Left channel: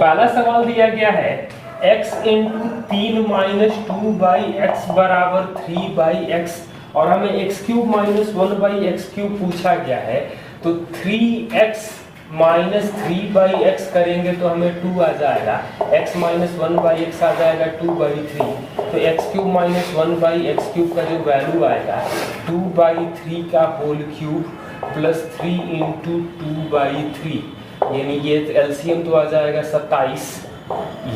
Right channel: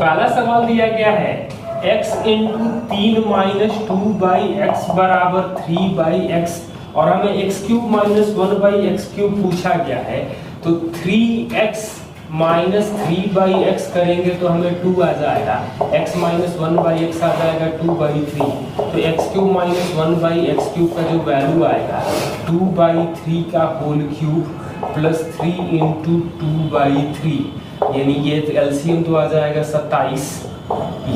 पहला सवाल दिया गया है x into 3 minus 2 by x बराबर 3 बाई एक्स और हमें x cube minus 1 by x cube पूछा गया है। तो 3x माइनस 3 बाई एक्स करेंगे तो हमें 2 आ जाएगा, x माइनस 1 बाई एक्स आ जाएगा 2 बाई 3। तो x cube minus 1 by x cube का जो वैल्यू आएगा 2 बाई 3 का whole cube plus 3 into 2 by 3, यानी ये एलसीएम तो आ जाएगा 27,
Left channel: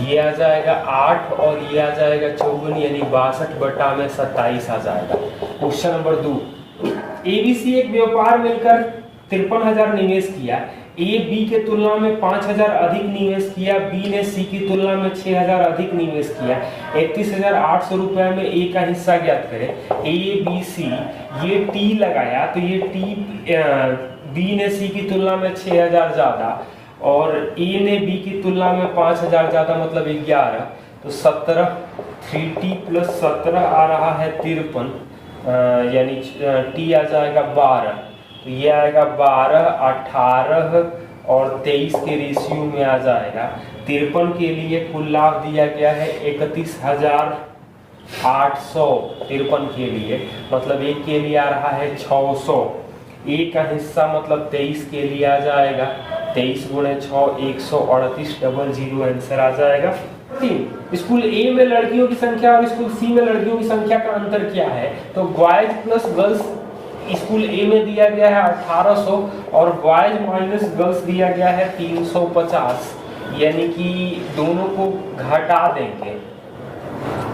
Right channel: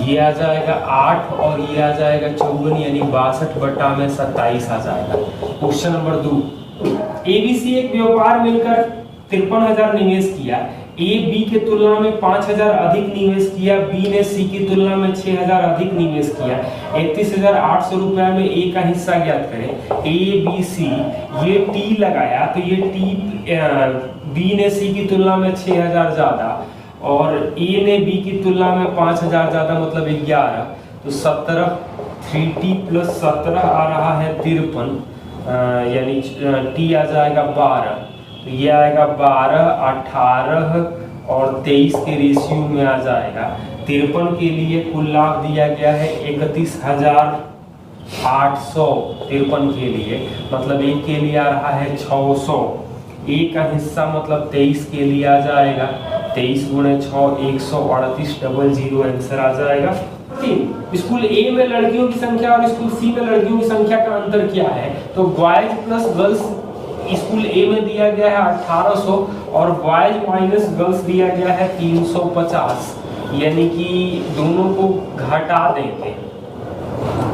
ये आ जाएगा 8 और ये आ जाएगा 54, यानी 62 बटा में 27 आ जाएगा। क्वेश्चन नंबर 2, एबीसी एक व्यापार मिलकर 53,000 निवेश किया। ए बी के तुलना में 5,000 अधिक निवेश किया, बी ने सी की तुलना में 6,000 अधिक निवेश किया। 31,800 रुपए में ए का हिस्सा ज्ञात करें। ए बी सी ये टी लगाया तो ये टी बी ने सी की तुलना में 6,000 ज्यादा और ए ने बी की तुलना में 5,000 ज्यादा, मतलब 11। तो 17 3t प्लस 17 आ रहा है 53, यानी टी आ जाएगा 12। तो ये आएगा 12, 18 और 23 के रेशियो में आ जाएगा। 53 के लिए कुल लाभ दिया गया है 31,800 53 के लिए, मतलब एक के लिए आ रहा है 600। एक का हिस्सा मतलब 23 के लिए आ जाएगा 23 गुणे 6 138 00 आंसर आ जाएगा। स्कूल ए में लड़कियों की संख्या और स्कूल सी में लड़कियों की संख्या का अंतर क्या है? तो बॉयज प्लस गर्ल्स स्कूल ए में दिया गया है 1800 और बॉयज माइनस गर्ल्स दिया गया है 350, यानी कि दोनों को घटा देंगे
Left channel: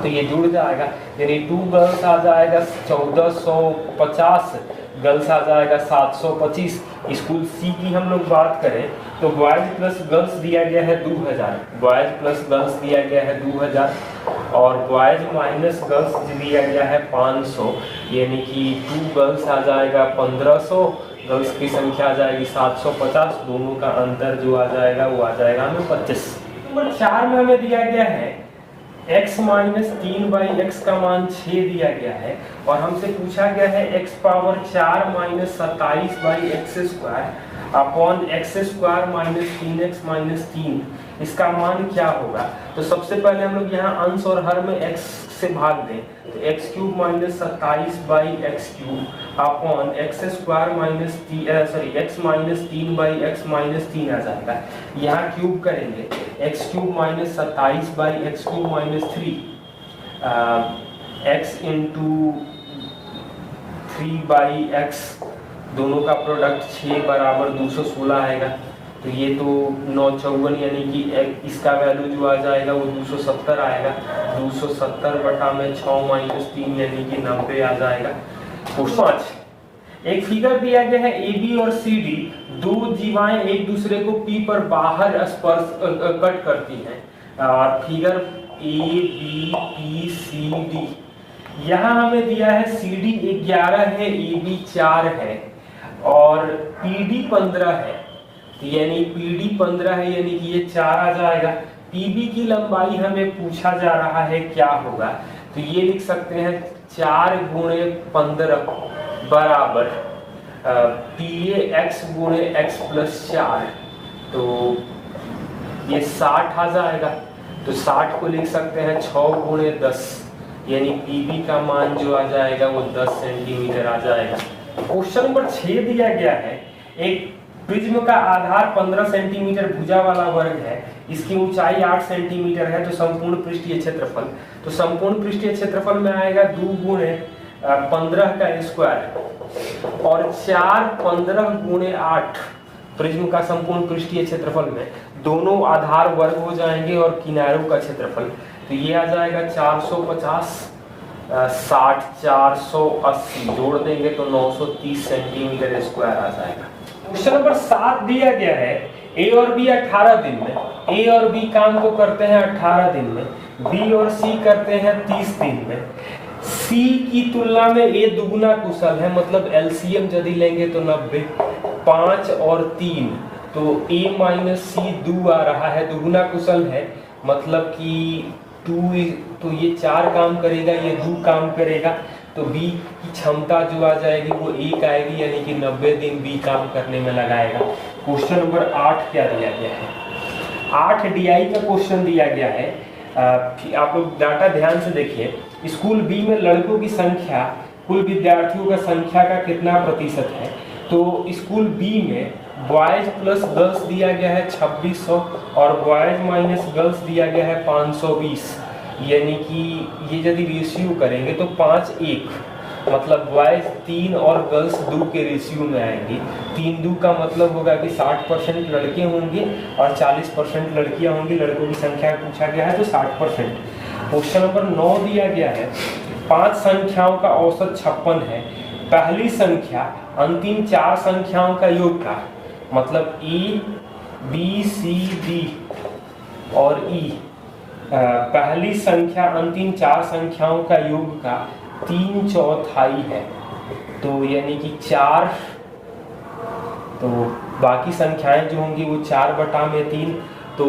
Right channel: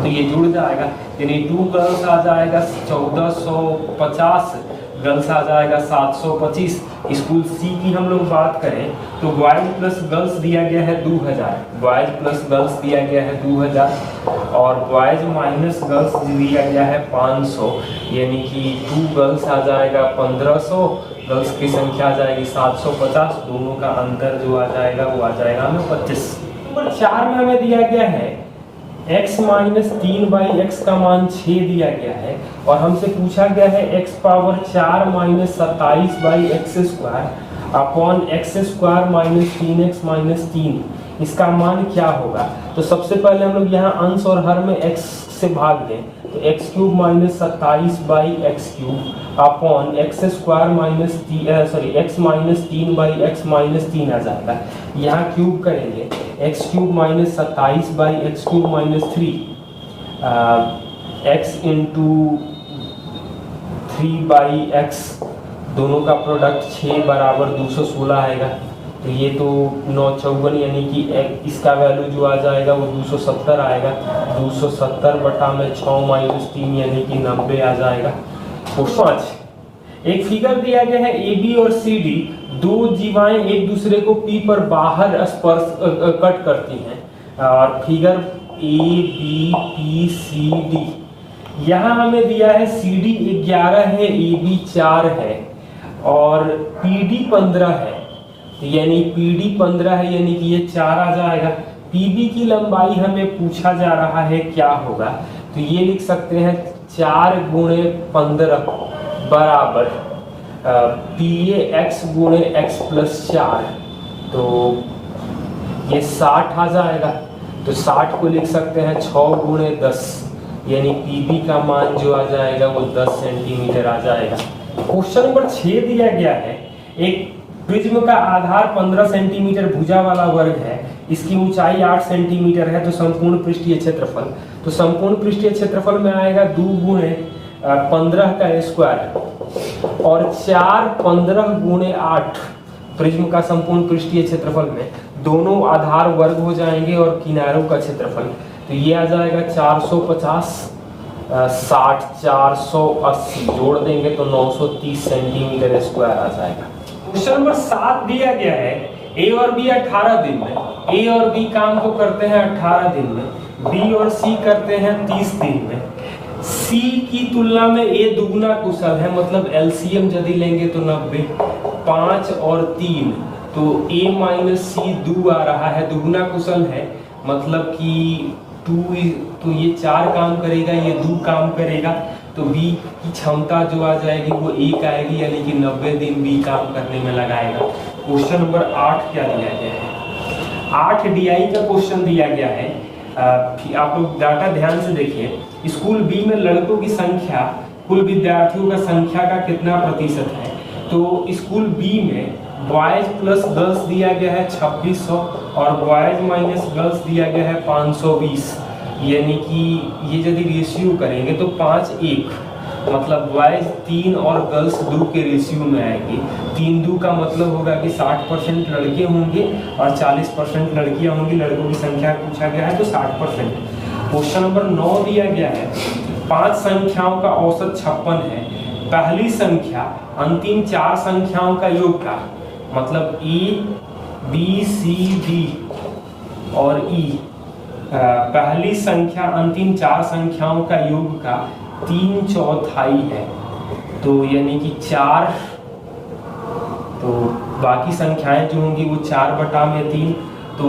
तो ये जुड़ जाएगा, यानी 2 गर्ल्स आ जाएगा 1450, गर्ल्स आ जाएगा 725। स्कूल सी की हम लोग बात करें तो बॉयज प्लस गर्ल्स दिया गया है 2000, बॉयज प्लस गर्ल्स दिया गया है 2000 और बॉयज माइनस गर्ल्स दिया गया है 500, यानी कि 2 गर्ल्स आ जाएगा 1500, गर्ल्स की संख्या आ जाएगी 750, दोनों का अंतर जो आ जाएगा वो आ जाएगा हमें 25। नंबर 4 में हमें दिया गया है x माइनस 3 बाई एक्स का मान 6 दिया गया है और हमसे पूछा गया है x power 4 minus 27 by x square upon x square minus 3x minus 3, इसका मान क्या होगा? तो सबसे पहले हम लोग यहाँ अंश और हर में x से भाग दें तो x cube minus 27 by x cube upon x square minus x minus 3 by x minus 3 आ जाता है। यहाँ क्यूब करेंगे x cube minus 27 by x cube minus 3, x into 3 by x, दोनों का प्रोडक्ट 6 बराबर 216 आएगा। तो ये तो 954, यानी कि इसका वैल्यू जो आ जाएगा वो 270 आएगा। 270 बटा में 6 माइनस 3, यानी कि 90 आ जाएगा। क्वेश्चन 5, एक फिगर दिया गया है ए बी और सी डी, दो जीवाएं एक दूसरे को पी पर बाहर स्पर्श कट करती हैं और figure A B P C D. यहाँ हमें दिया है सी डी 11 है, ए बी 4 है और पी डी 15 है, यानी पी डी 15 है, यानी कि ये 4 आ जाएगा। पी बी की लंबाई हमें पूछा जा रहा है क्या होगा? तो ये लिख सकते हैं 4 गुणे 15 बराबर पी ए एक्स गुणे एक्स प्लस 4, तो ये 60 आ जाएगा। तो 60 को लिख सकते हैं 6 गुणे 10, यानी पी बी का मान जो आ जाएगा वो 10 सेंटीमीटर आ जाएगा। क्वेश्चन नंबर 6 दिया गया है, एक प्रिज्म का आधार 15 सेंटीमीटर भुजा वाला वर्ग है, इसकी ऊंचाई 8 सेंटीमीटर है, तो संपूर्ण पृष्ठीय क्षेत्रफल, तो संपूर्ण पृष्ठीय क्षेत्रफल में आएगा 2 गुणे 15 का स्क्वायर और 4 15 गुणे 8 प्रिज्म का संपूर्ण पृष्ठीय क्षेत्रफल में दोनों आधार वर्ग हो जाएंगे और किनारों का क्षेत्रफल, तो ये आ जाएगा 450 60 480 जोड़ देंगे तो 930 सेंटीमीटर स्क्वायर आ जाएगा। क्वेश्चन नंबर 7 दिया गया है, ए और बी 18 दिन में, ए और बी काम को करते हैं 18 दिन में, बी और सी करते हैं 30 दिन में। सी की तुलना में ए दुगुना कुशल है, मतलब एलसीएम यदि लेंगे तो 90, 5 और 3, तो ए माइनस सी 2 आ रहा है, दुगुना कुशल है, मतलब कि 2, तो ये 4 काम करेगा, ये 2 काम करेगा, तो बी की क्षमता जो आ जाएगी वो 1 आएगी, यानी कि 90 दिन बी काम करने में लगाएगा। क्वेश्चन नंबर 8 क्या दिया गया है? 8 DI का क्वेश्चन दिया गया है। आप लोग डाटा ध्यान से देखिए। स्कूल बी में लड़कों की संख्या कुल विद्यार्थियों का संख्या का कितना प्रतिशत है। तो स्कूल बी में बॉयज प्लस गर्ल्स दिया गया है 2600 और बॉयज माइनस गर्ल्स दिया गया है 520, यानी कि ये यदि रेशियो करेंगे तो 5:1, मतलब बॉयज 3 और गर्ल्स 2 के रेशियो में आएगी। 3-2 का मतलब होगा कि 60% लड़के होंगे और 40% लड़कियां होंगी। लड़कों की संख्या पूछा गया है तो 60%। क्वेश्चन नंबर 9 दिया गया है 5 संख्याओं का औसत 56 है। पहली संख्या अंतिम 4 संख्याओं का योग का, मतलब E, B, C, D और E, पहली संख्या अंतिम 4 संख्याओं का योग का 3/4 है। तो यानी कि 4, तो बाकी संख्याएं जो होंगी वो 4/3, तो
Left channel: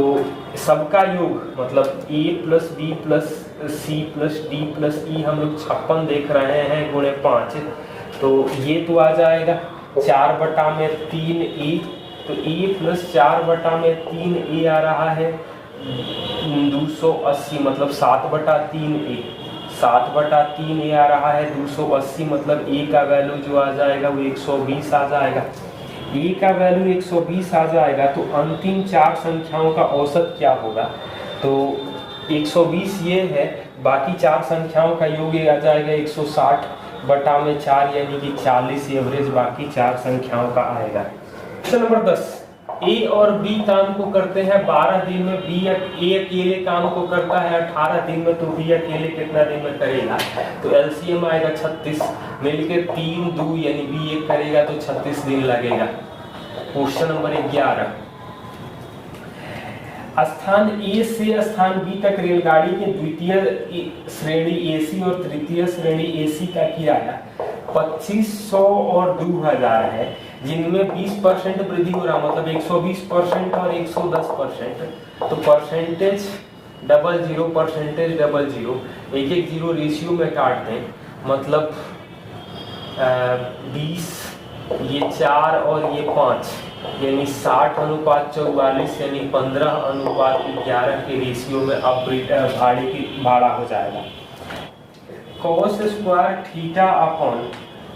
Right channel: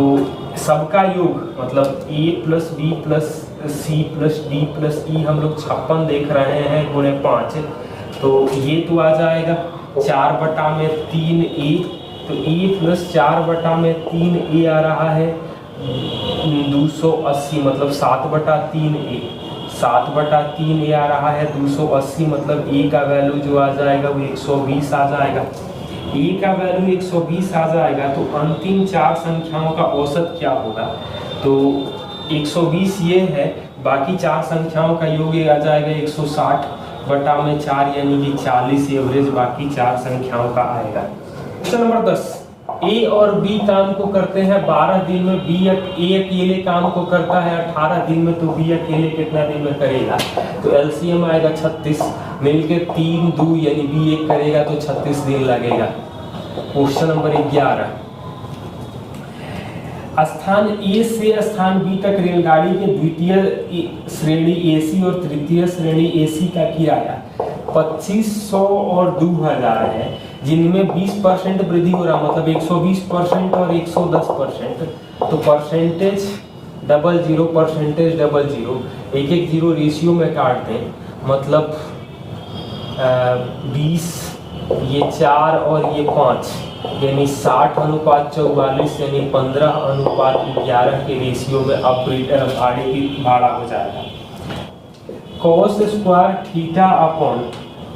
सबका योग मतलब A plus B plus C plus D plus E हम लोग 56 देख रहे हैं गुणे 5, तो ये तो आ जाएगा 4/3A, तो A प्लस 4/3A आ रहा है 280, मतलब 7/3A, 7/3A आ रहा है 280, मतलब A का वैल्यू जो आ जाएगा वो 120 आ जाएगा। A का वैल्यू 120 आ जाएगा तो अंतिम 4 संख्याओं का औसत क्या होगा, तो 120 ये है, बाकी 4 संख्याओं का योग आ जाएगा 160/4, यानी कि 40 एवरेज बाकी 4 संख्याओं का आएगा। क्वेश्चन नंबर 10, ए और बी काम को करते हैं 12 दिन में, ए अकेले काम को करता है 18 दिन में, तो बी अकेले कितना दिन में करेगा, तो एलसीएम आएगा 36, मिलकर 3-2 यानी बी 1 करेगा तो 36 दिन लगेगा। क्वेश्चन नंबर 11, स्थान ए से स्थान बी तक रेलगाड़ी के द्वितीय श्रेणी एसी और तृतीय श्रेणी एसी का किराया 2500 और 2000 है, जिनमें 20% वृद्धि हो रहा, मतलब 120% और 110%, तो परसेंटेज 00, परसेंटेज 00, एक जीरो रेशियो में काट दें, मतलब 20, ये 4 और ये 5, यानी 60:44, यानी 15:11 के रेशियो में अब गाड़ी की भाड़ा हो जाएगा। cos square theta upon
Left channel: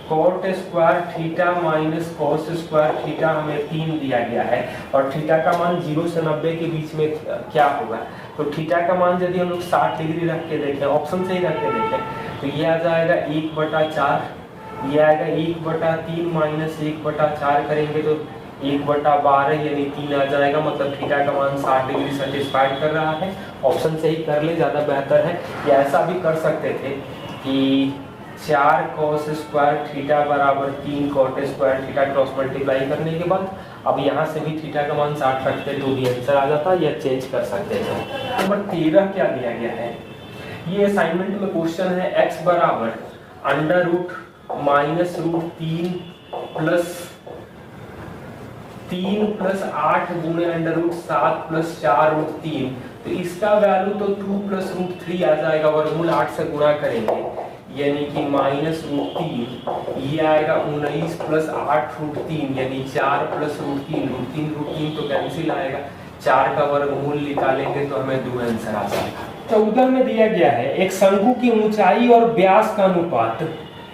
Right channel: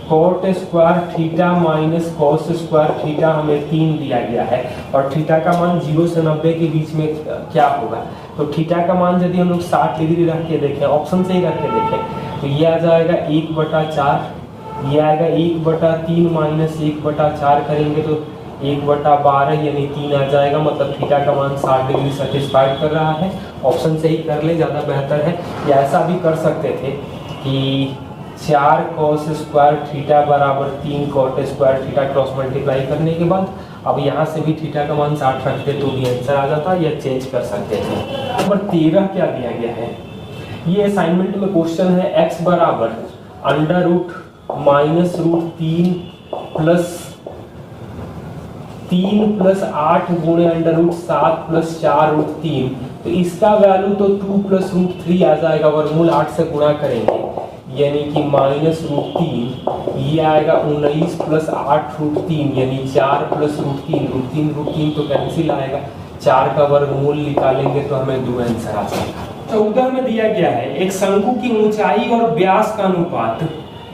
cot square theta minus cos square theta हमें 3 दिया गया है, और थीटा का मान 0 से 90 के बीच में क्या होगा, तो थीटा का मान यदि हम लोग 60 डिग्री रख के देखें, ऑप्शन से ही रख के देखें, तो ये आ जाएगा 1/4, ये आएगा 1/3 माइनस 1/4 करेंगे तो 1/12 यानी 3 आ जाएगा, मतलब थीटा का मान 60 डिग्री सेटिस्फाइड कर रहा है। ऑप्शन से ही कर ले, ज़्यादा बेहतर है। या ऐसा भी कर सकते थे कि 4 cos स्क्वायर थीटा बराबर 3 cot square theta, cross multiply करने के बाद अब यहाँ से भी थीटा का मान 60 रखते तो भी आंसर आ जाता, या चेंज कर सकते थे। नंबर 13 क्या दिया गया है, ये असाइनमेंट में क्वेश्चन है, x बराबर √-√3 प्लस 8 गुणे √7 प्लस 4√3, तो इसका वैल्यू तो 2 प्लस √3 आ जाएगा, वर्गमूल 8 से गुणा करेंगे यानी कि -√3, ये आएगा 19 प्लस 8√3 यानी 4 प्लस √3 तो कैंसिल आएगा, 4 का वर्गमूल निकालेंगे तो हमें 2 आंसर आ जाएगा। 14 में दिया गया है एक शंकु की ऊंचाई और व्यास का अनुपात,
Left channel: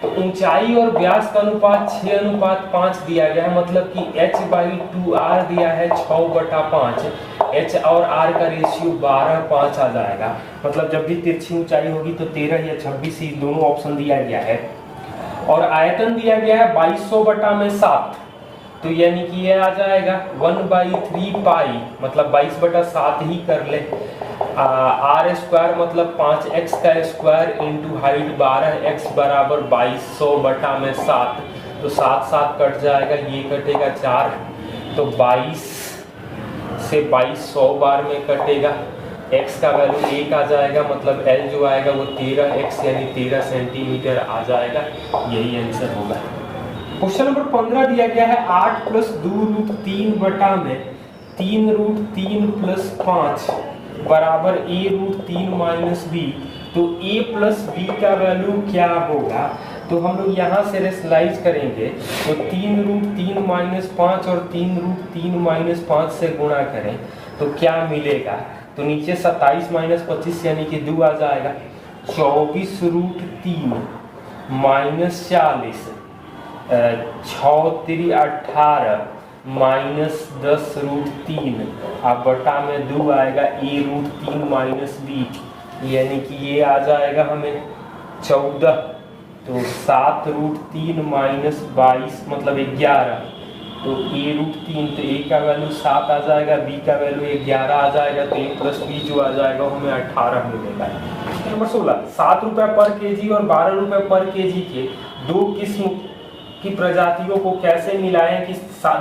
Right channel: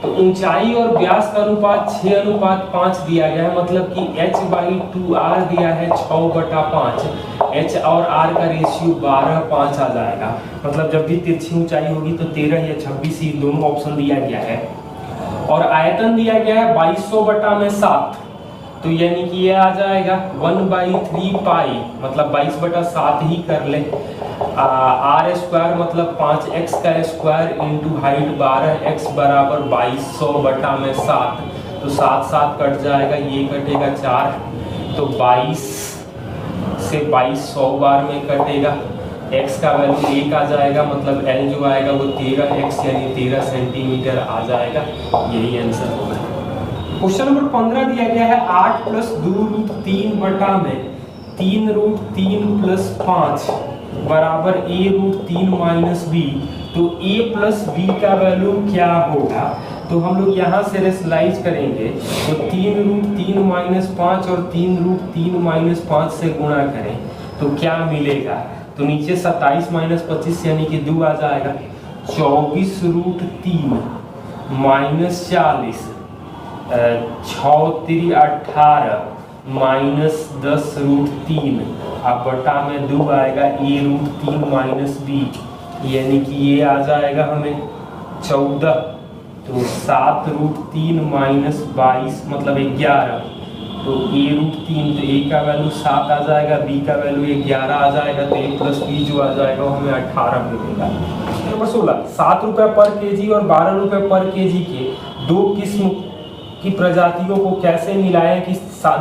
तो ऊंचाई और व्यास का अनुपात 6:5 दिया गया है, मतलब कि h/2r दिया है 6/5, h और r का रेशियो 12:5 आ जाएगा, मतलब जब भी तिरछी ऊंचाई होगी तो 13 या 26 ही दोनों ऑप्शन दिया गया है। और आयतन दिया गया है 2200/7, तो यानी कि ये आ जाएगा 1/3 पाई, मतलब 22/7 ही कर ले। r स्क्वायर मतलब 5x का स्क्वायर इंटू हाइट 12x बराबर 2200/7, तो 7 कट जाएगा, ये कटेगा 4, तो 22 से 2200 बार में कटेगा, x का वैल्यू 1 आ जाएगा, मतलब l जो आएगा वो 13x यानी 13 सेंटीमीटर आ जाएगा, यही आंसर होगा। क्वेश्चन नंबर 15 दिया गया है 8 प्लस 2√3 बटा में 3√3 प्लस 5 बराबर a√3 माइनस b, तो a प्लस b का वैल्यू क्या होगा, तो हम लोग यहाँ से रेशनलाइज करेंगे, तो 3√3 माइनस 5 और 3√3 माइनस 5 से गुणा करें तो क्या मिलेगा, तो नीचे 27 माइनस 25 यानी कि 2 आ जाएगा। 24√3 माइनस 40, 6×3 18 माइनस 10√3 अब बटा में 2 आएगा a√3 माइनस b, यानी कि ये आ जाएगा हमें 14। तो 7√3 माइनस 22 मतलब 11, तो a√3, तो a का वैल्यू 7 आ जाएगा, b का वैल्यू 11 आ जाएगा, तो a प्लस b जो आ जाएगा वो हमें 18 मिलेगा। नंबर 16, 7 रुपये पर केजी और 12 रुपये पर केजी के दो किस्म की प्रजातियों को कैसे मिलाएं कि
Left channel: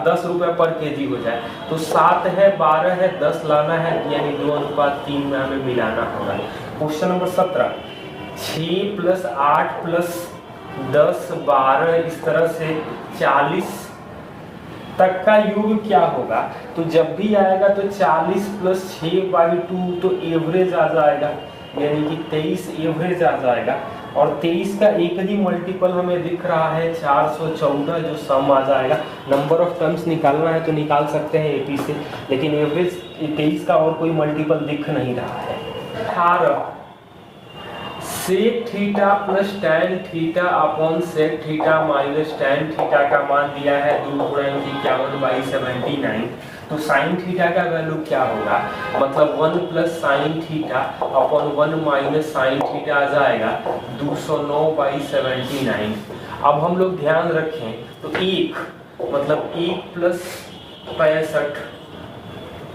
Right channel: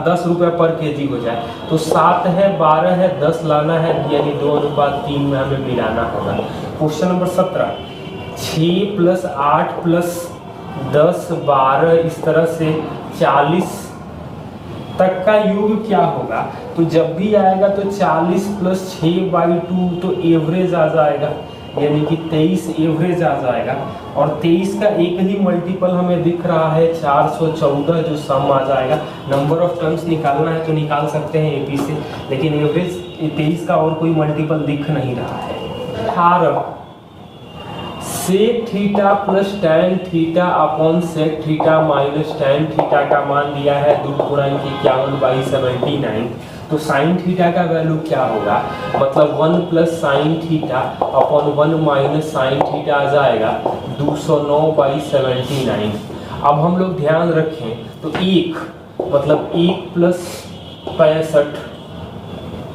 10 रुपये पर केजी हो जाए। तो 7 है, 12 है, 10 लाना है, यानी 2:3 में हमें मिलाना होगा। क्वेश्चन नंबर 17, 6 + 8 + 10 12 इस तरह से 40 तक का योग क्या होगा। तो जब भी आएगा तो 40 + 6/2 तो एवरेज आ जाएगा, यानी कि 23 एवरेज आ जाएगा। और 23 का एक ही मल्टीपल हमें दिख रहा है 414 जो सम आ जाएगा। नंबर ऑफ टर्म्स निकालना है तो निकाल सकते हैं एपी से, लेकिन एवरेज 23 का और कोई मल्टीपल दिख नहीं रहा है। 18 sec theta plus tan theta upon sec theta minus tan theta का मान दिया है 2×51/79। तो साइन थीटा का वैल्यू क्या होगा, मतलब 1 + sin theta upon 1 minus sine theta आ जाएगा 209/79। अब हम लोग ध्यान रखें तो 1 मतलब 1 +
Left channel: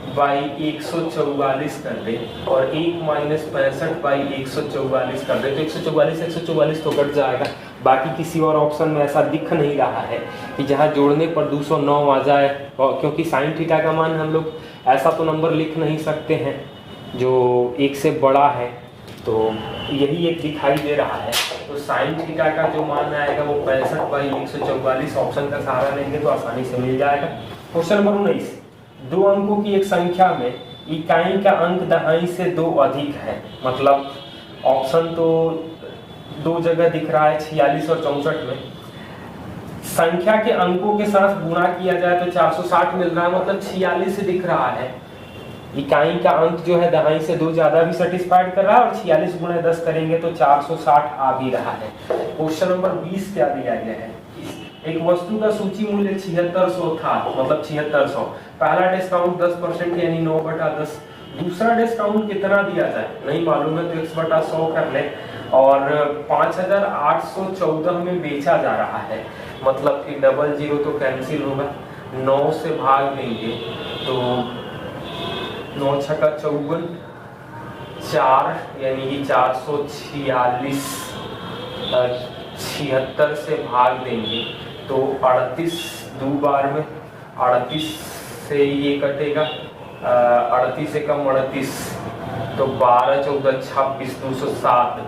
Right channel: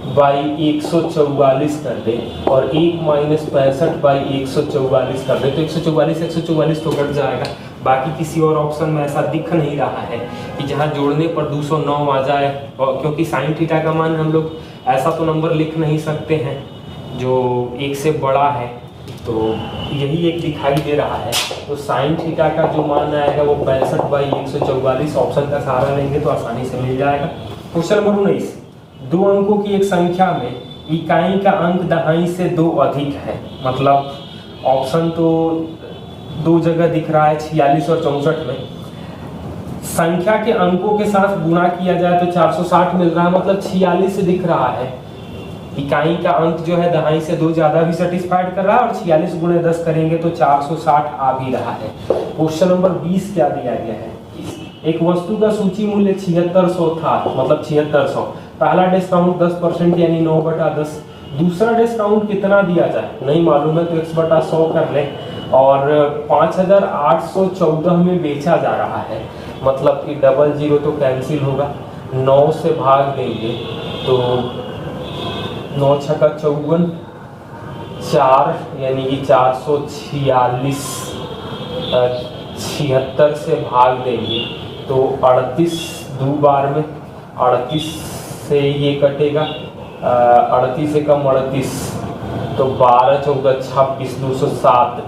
65/144 कर दे और 1 माइनस 65/144 कर दे, तो 144 तो कट जाएगा। बाकी किसी और ऑप्शन में ऐसा दिख नहीं रहा है कि जहां जोड़ने पर 209 आ जाए, और क्योंकि साइन थीटा का मान हम लोग ऐसा तो नंबर लिख नहीं सकते हैं जो 1 से बड़ा है, तो यही एक दिखाई दे रहा है। तो साइन थीटा का जो मान आएगा वो 65/144, ऑप्शन का सहारा लेंगे तो आसानी से मिल जाएगा। क्वेश्चन नंबर 19, 2 अंकों की एक संख्या में इकाई का अंक दहाई से 2 अधिक है, मतलब ऑप्शन तो 2 जगह दिख रहा है 46 और 64 में। संख्या के अंकों के साथ गुणा किया जाए तो 460 मिल रहा है, मतलब 46 से दिख रहा है। इकाई का अंक जो है दहाई से 2 ज्यादा भी सेटिस्फाइड कर रहा है, और 46 × 10 करेंगे तो 460 आ भी रहा है। क्वेश्चन नंबर 20 क्या दिया गया है, एक वस्तु का सूची मूल्य 7600 था, मतलब 7600। पहला डिस्काउंट 10% यानी 9/10। दूसरा डिस्काउंट कितना दिया जाए नहीं मालूम है, तो x/100 कर ले। और 5814 में बेचा जा रहा है, मतलब कि 00 तो कैंसिल होगा, 9 से भाग देंगे तो 9 × 6 = 54, 4 यानी कि 446, 76 से भाग देंगे तो 38 2 बार में, 38 से ये कटेगा, 38 से कम 38 तो 12 14 26, 207,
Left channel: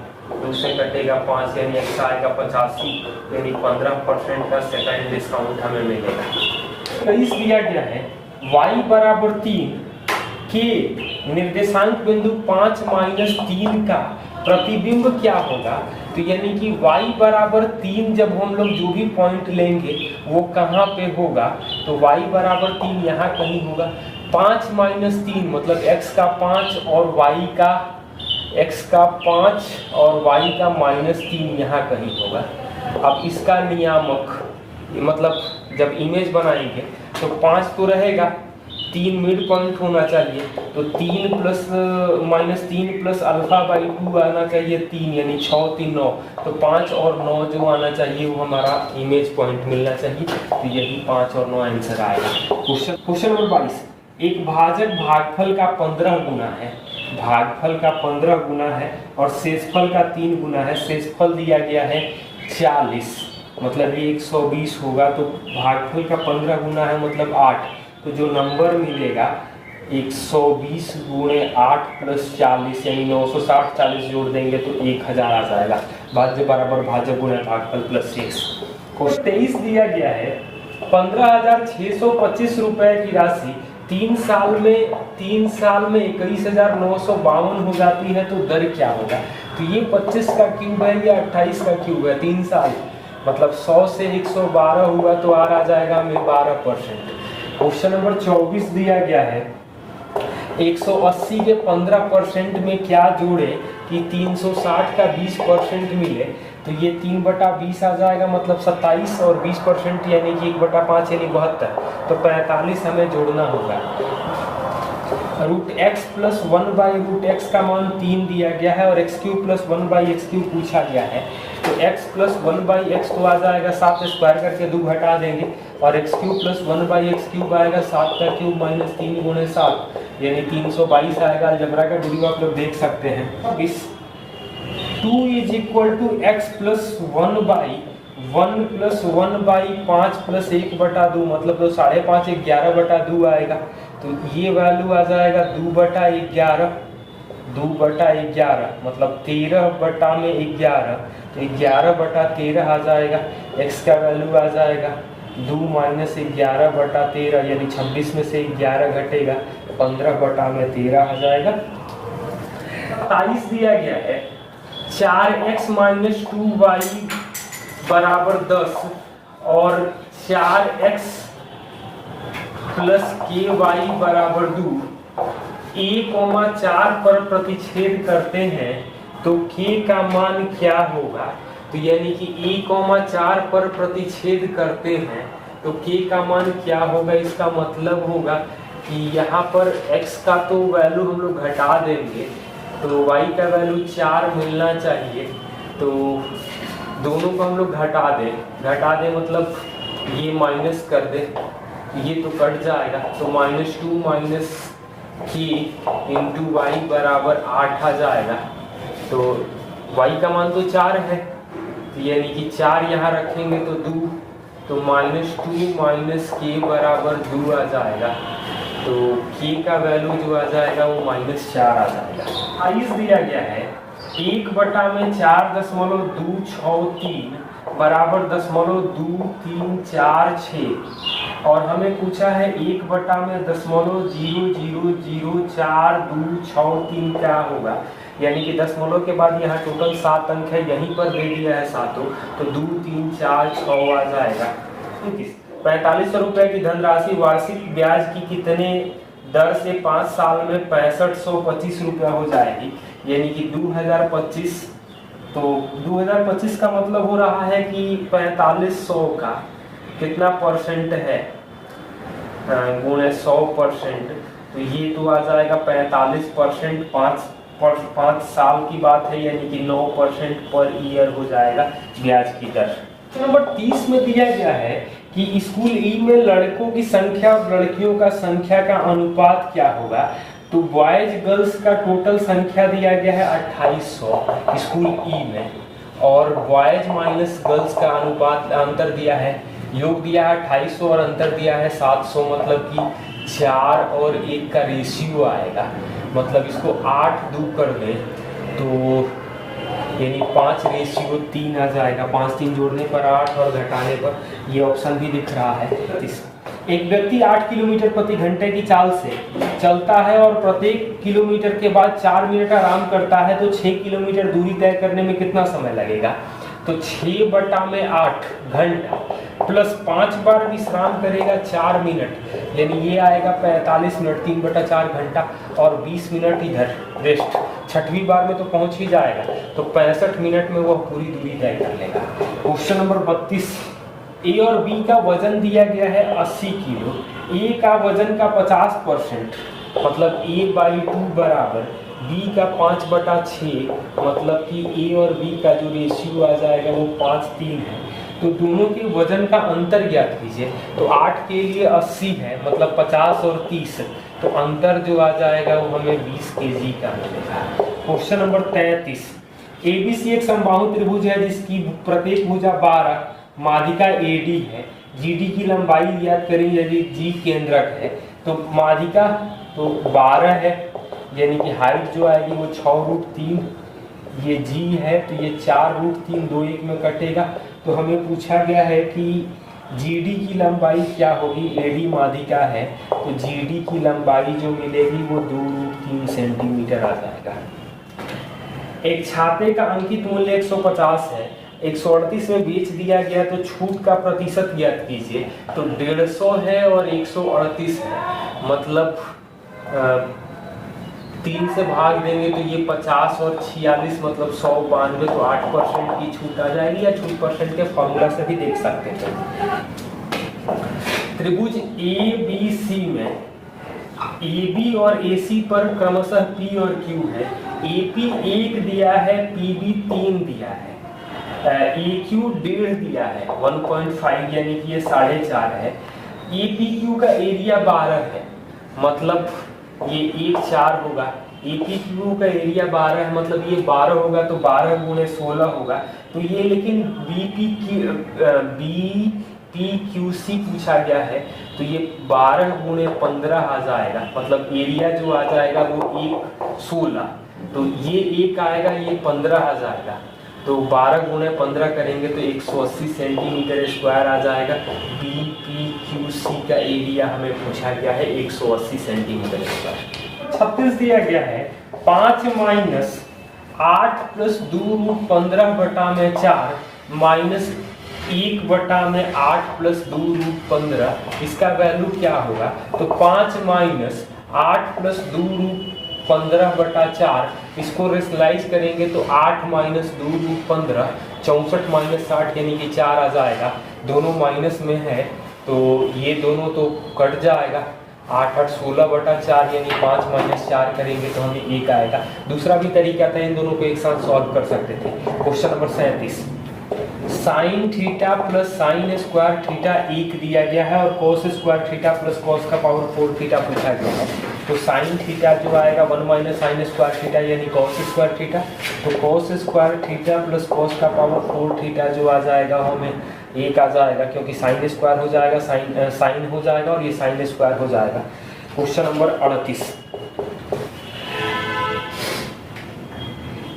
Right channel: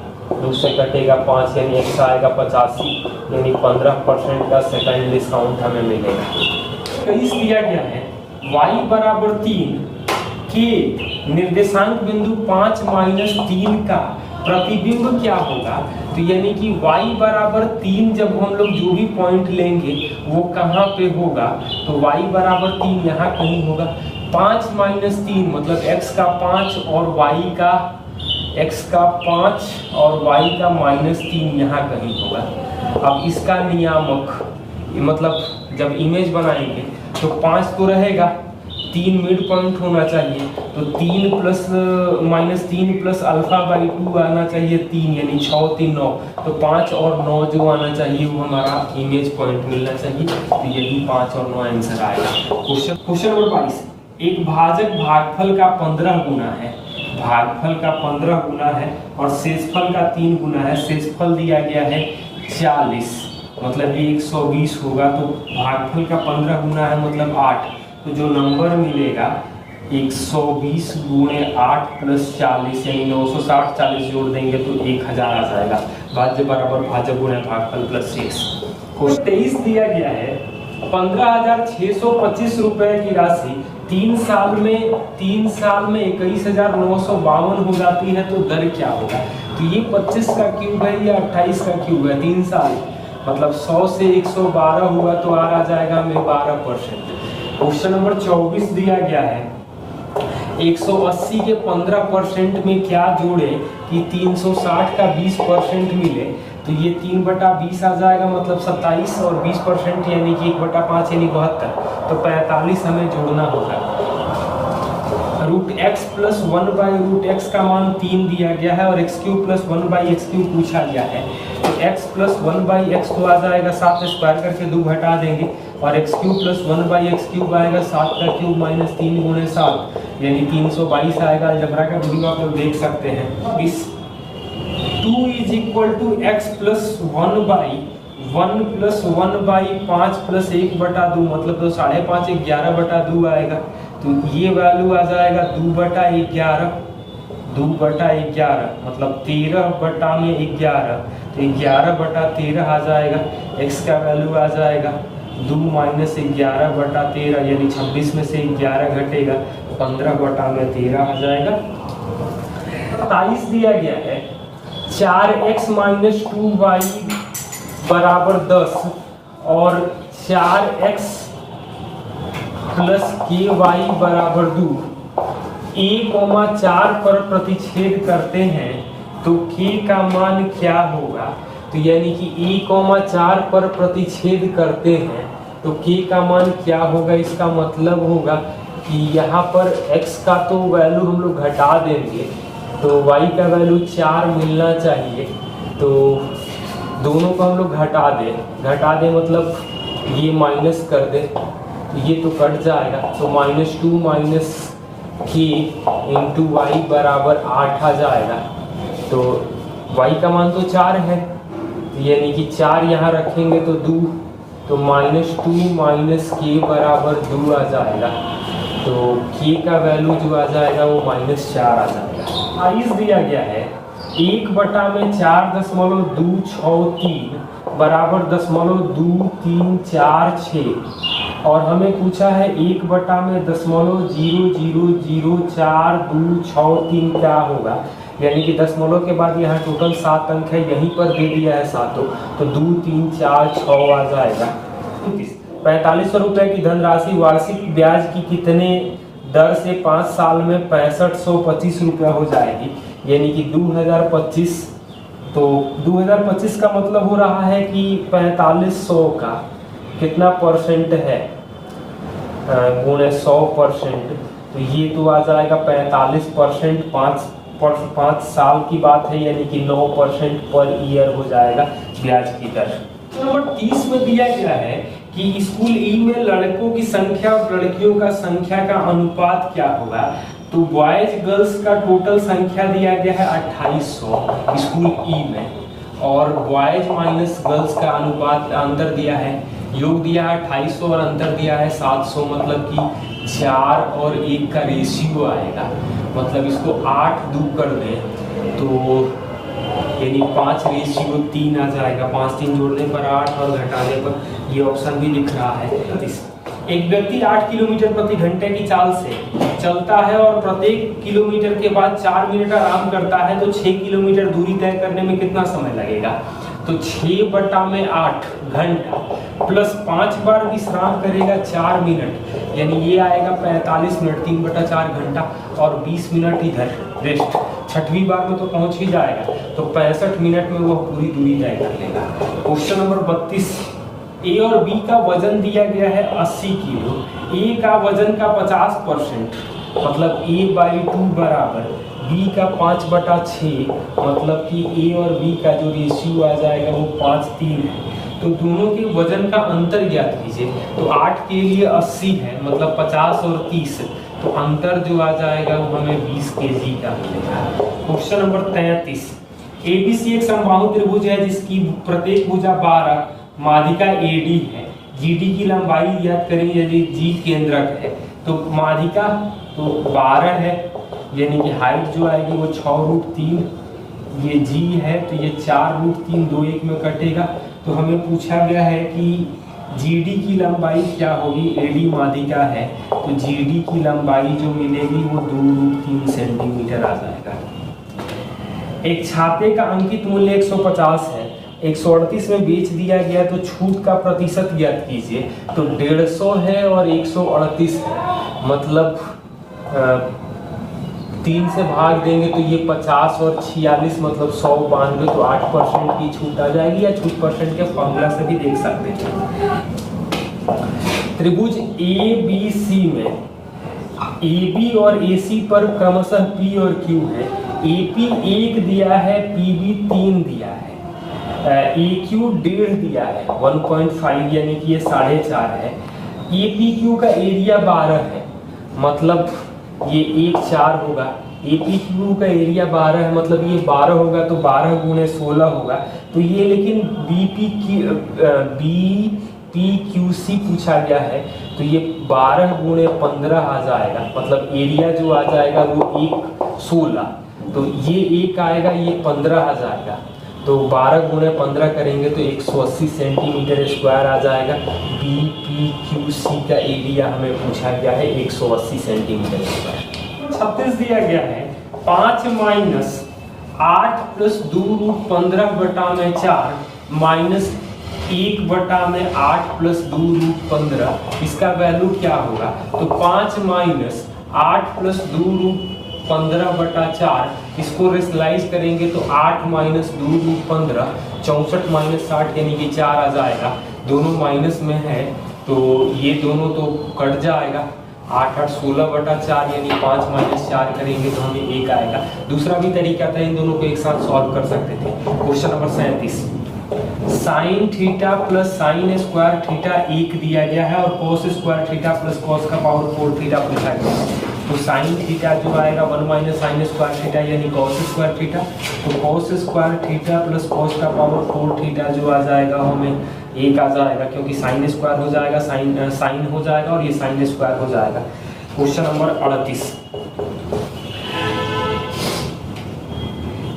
2 से कटेगा 5 यानी एक्स्ट्रा आएगा 85, यानी 15% का सेकंड डिस्काउंट हमें मिलेगा। 23 दिया गया है y = 3 के निर्देशांक बिंदु 5 - 3 का प्रतिबिंब क्या होगा। तो यानी कि y = 3 जब हम लोग जो भी पॉइंट लेंगे वो कहाँ पे होगा, तो y = 3 यहाँ कहीं होगा। 5 - 3 मतलब x का 5 और y का -3 यहाँ कहीं होगा। अब इसका नियामक मतलब जब इमेज बनाएंगे तो 5 तो रहेगा, 3 मिड पॉइंट होना चाहिए, तो 3 + α/2 आना चाहिए 3, यानी 6 3 9, तो 5 और 9 जो आना चाहिए वो हमारा इमेज पॉइंट मिलना चाहिए, तो यही 5 और 9 आंसर आएगा। क्वेश्चन नंबर 22, एक भाजक भागफल का 15 गुना है, भागफल का 15 गुना है और शेषफल का 3 गुना है। शेषफल दिया गया है 40, मतलब ये 120 होगा, तो भागफल का 15 गुना है मतलब 8, तो जो नंबर मिलेगा 120 × 8 + 40 यानी 960, 40 जोड़ देंगे तो 1000 आ जाएगा। भाज्य बराबर भाजक गुणा भागफल प्लस शेष। क्वेश्चन 23 दिया गया है 15,625 रुपए की राशि 3 साल में 21,952 हो जाती है, तो दर क्या होगा। तो ये 25 का क्यूब है या 28 का क्यूब है, 3 साल मतलब 100 से 112 हुआ तो आर आ जाएगा हमें 12%। क्वेश्चन नंबर 24 दिया गया है 180 के 15% में क्या जोड़े कि 360 का 20% मिले, तो ये 3/20 आ जाएगा, मतलब 27, और 20% यानी कि 1/5 यानी 72। तो 45 हमें जोड़ना होगा। √x + 1/√x का मान 3 दिया गया है और x³ + 1/x³ पूछा गया है। तो x + 1/x तो आ जाएगा 7 स्क्वायर करके 2 घटा देंगे, और x³ + 1/x³ आएगा 7 का क्यूब - 3 × 7 यानी 322 आएगा। अलजेब्रा का वीडियो आप लोग देख सकते हैं। इस 2 = x + 1/1 + 1/5 + 1/2 मतलब तो 5.5 11/2 आएगा। तो ये वैल्यू आ जाएगा 2/11 मतलब 13/11, तो 11/13 आ जाएगा। x का वैल्यू आ जाएगा 2 - 11/13 यानी 26 में से 11 घटेगा, 15/13 आ जाएगा। 27 दिया गया है। 4x - 2y = 10 और 4x + ky = 2। a,4 पर प्रतिच्छेद करते हैं तो k का मान क्या होगा? तो यानी कि a,4 पर प्रतिच्छेद करते हैं तो k का मान क्या होगा? इसका मतलब होगा कि यहाँ पर x का तो वैल्यू हम लोग घटा देंगे, तो y का वैल्यू 4 मिलना चाहिए। तो दोनों को हम लोग घटा दें मतलब ये माइनस कर दे, ये तो कट जाएगा। तो -2 - k × y = 8 आ जाएगा। तो y का मान तो 4 है, यानी कि 4 यहाँ रखेंगे तो 2, तो -2 - k = 2 आ जाएगा। तो k का वैल्यू जो आ जाएगा वो -4 आ जाएगा। 22 दिया गया है। 1/4.263 = 0.2346 और हमें पूछा है 1/0004263 क्या होगा? यानी कि दशमलव के बाद यहाँ टोटल 7 अंक है, यहीं पर दे दिया है सातों, तो 2 3 4 6 आ जाएगा। 4500 रुपए की धनराशि वार्षिक ब्याज की कितने दर से 5 साल में 6525 रुपया हो जाएगी? यानी कि 2025, तो 2025 का मतलब हो रहा है कि 4500 का कितना परसेंट है गुणे 100%, तो ये तो आ जाएगा 45%। 5 साल की बात है, यानी कि 9% पर ईयर हो जाएगा ब्याज की दर। नंबर 30 में दिया गया है कि स्कूल ई में लड़कों की संख्या और लड़कियों का संख्या का अनुपात क्या होगा? तो बॉयज गर्ल्स का टोटल संख्या दिया गया है 2800 स्कूल ई में, और बॉयज माइनस गर्ल्स का अनुपात अंतर दिया है, योग दिया है 2800 और अंतर दिया है 700, मतलब कि 4 और 1 का रेशियो आएगा। मतलब इसको 8 2 कर दें तो यानी 5:3 आ जाएगा। 5 3 जोड़ने पर 8 और घटाने पर ये ऑप्शन भी दिख रहा है। एक व्यक्ति 8 किलोमीटर प्रति घंटे की चाल से चलता है और प्रत्येक किलोमीटर के बाद 4 मिनट आराम करता है, तो 6 किलोमीटर दूरी तय करने में कितना समय लगेगा? तो 6/8 घंटा प्लस 5 बार विश्राम करेगा 4 मिनट, यानी ये आएगा 45 मिनट। 3/4 घंटा और 20 मिनट इधर रेस्ट। 6वीं बार में तो पहुंच ही जाएगा, तो 65 मिनट में वह पूरी दूरी तय कर लेगा। क्वेश्चन नंबर 32, ए और बी का वजन दिया गया है 80 किलो। ए का वजन का 50% मतलब A/2 बराबर बी का 5/6, मतलब कि ए और बी का जो रेशियो आ जाएगा वो 5:3 है। तो दोनों के वजन का अंतर ज्ञात कीजिए। तो 8 के लिए 80 है, मतलब 50 और 30, तो अंतर जो आ जाएगा वो हमें 20 kg का मिलेगा। क्वेश्चन नंबर 33, ABC एक समबाहु त्रिभुज है जिसकी प्रत्येक भुजा 12, माध्यिका AD है। GD की लंबाई ज्ञात करेंगे यदि G केंद्रक है। तो माध्यिका तो 12 है, यानी कि हाइट जो आएगी वो 6√3, ये G है तो ये 4√3, 2 1 में कटेगा। तो हमें पूछा गया है कि GD की लंबाई क्या होगी? AD माध्यिका है तो GD की लंबाई जो मिलेगी वो 2√3 सेंटीमीटर आ जाएगा। एक छाते का अंकित मूल्य 150 है, 138 में बेच दिया गया, तो छूट का प्रतिशत ज्ञात कीजिए। तो 150 है और 138 है, मतलब 3 से भाग देंगे तो ये 50 और 46 मतलब 192, तो 8% की छूट आ जाएगी, या छूट परसेंट के फॉर्मूला से भी देख सकते हैं। त्रिभुज ए बी सी में ए बी और ए सी पर क्रमशः पी और क्यू है। ए पी 1 दिया है, पी बी 3 दिया है, ए क्यू 1.5 दिया है, 1.5 यानी कि ये 4.5 है। ए पी क्यू का एरिया 12 है, मतलब ये 1 4 होगा। ए पी क्यू का एरिया 12 है, मतलब ये 12 होगा, तो 12 गुणे 16 होगा। तो ये लेकिन बी पी क्यू सी पूछा गया है, तो ये 12 गुणे 15 आ जाएगा, मतलब एरिया जो आ जाएगा वो 1 16, तो ये 1 आएगा, ये 15 आ जाएगा, तो 12 गुणे 15 करेंगे तो 180 सेंटीमीटर स्क्वायर आ जाएगा। बी पी क्यू सी का एरिया हमें पूछा गया है 180 सेंटीमीटर स्क्वायर। 36 दिया गया है 5 माइनस 8 प्लस 2 रूट 15 बटा में 4 माइनस 1 बटा में 8 प्लस 2 रूट 15, इसका वैल्यू क्या होगा? तो 5 माइनस 8 प्लस 2 रूट 15 बटा 4, इसको रेशनलाइज करेंगे तो 8 माइनस 2 रूट 15, 64 माइनस 60 यानी कि 4 आ जाएगा। दोनों माइनस में है तो ये दोनों तो कट जाएगा। 8 8 16 बटा 4 यानी 5 माइनस 4 करेंगे तो हमें 1 आएगा। दूसरा भी तरीका था, इन दोनों को एक साथ सॉल्व कर सकते थे। Question number 37, sign theta plus sine square theta 1 दिया गया है और cos square theta plus cos का पावर 4 थीटा पूछा गया है। तो साइन थीटा जो आएगा 1 माइनस साइन स्क्वायर थीटा यानी कोस स्क्वायर थीटा, तो cos square theta plus cos का पावर 4 थीटा जो आ जाएगा हमें 1 आ जाएगा, क्योंकि साइन स्क्वायर हो जाएगा, साइन हो जाएगा और ये साइन स्क्वायर हो जाएगा। क्वेश्चन नंबर 38,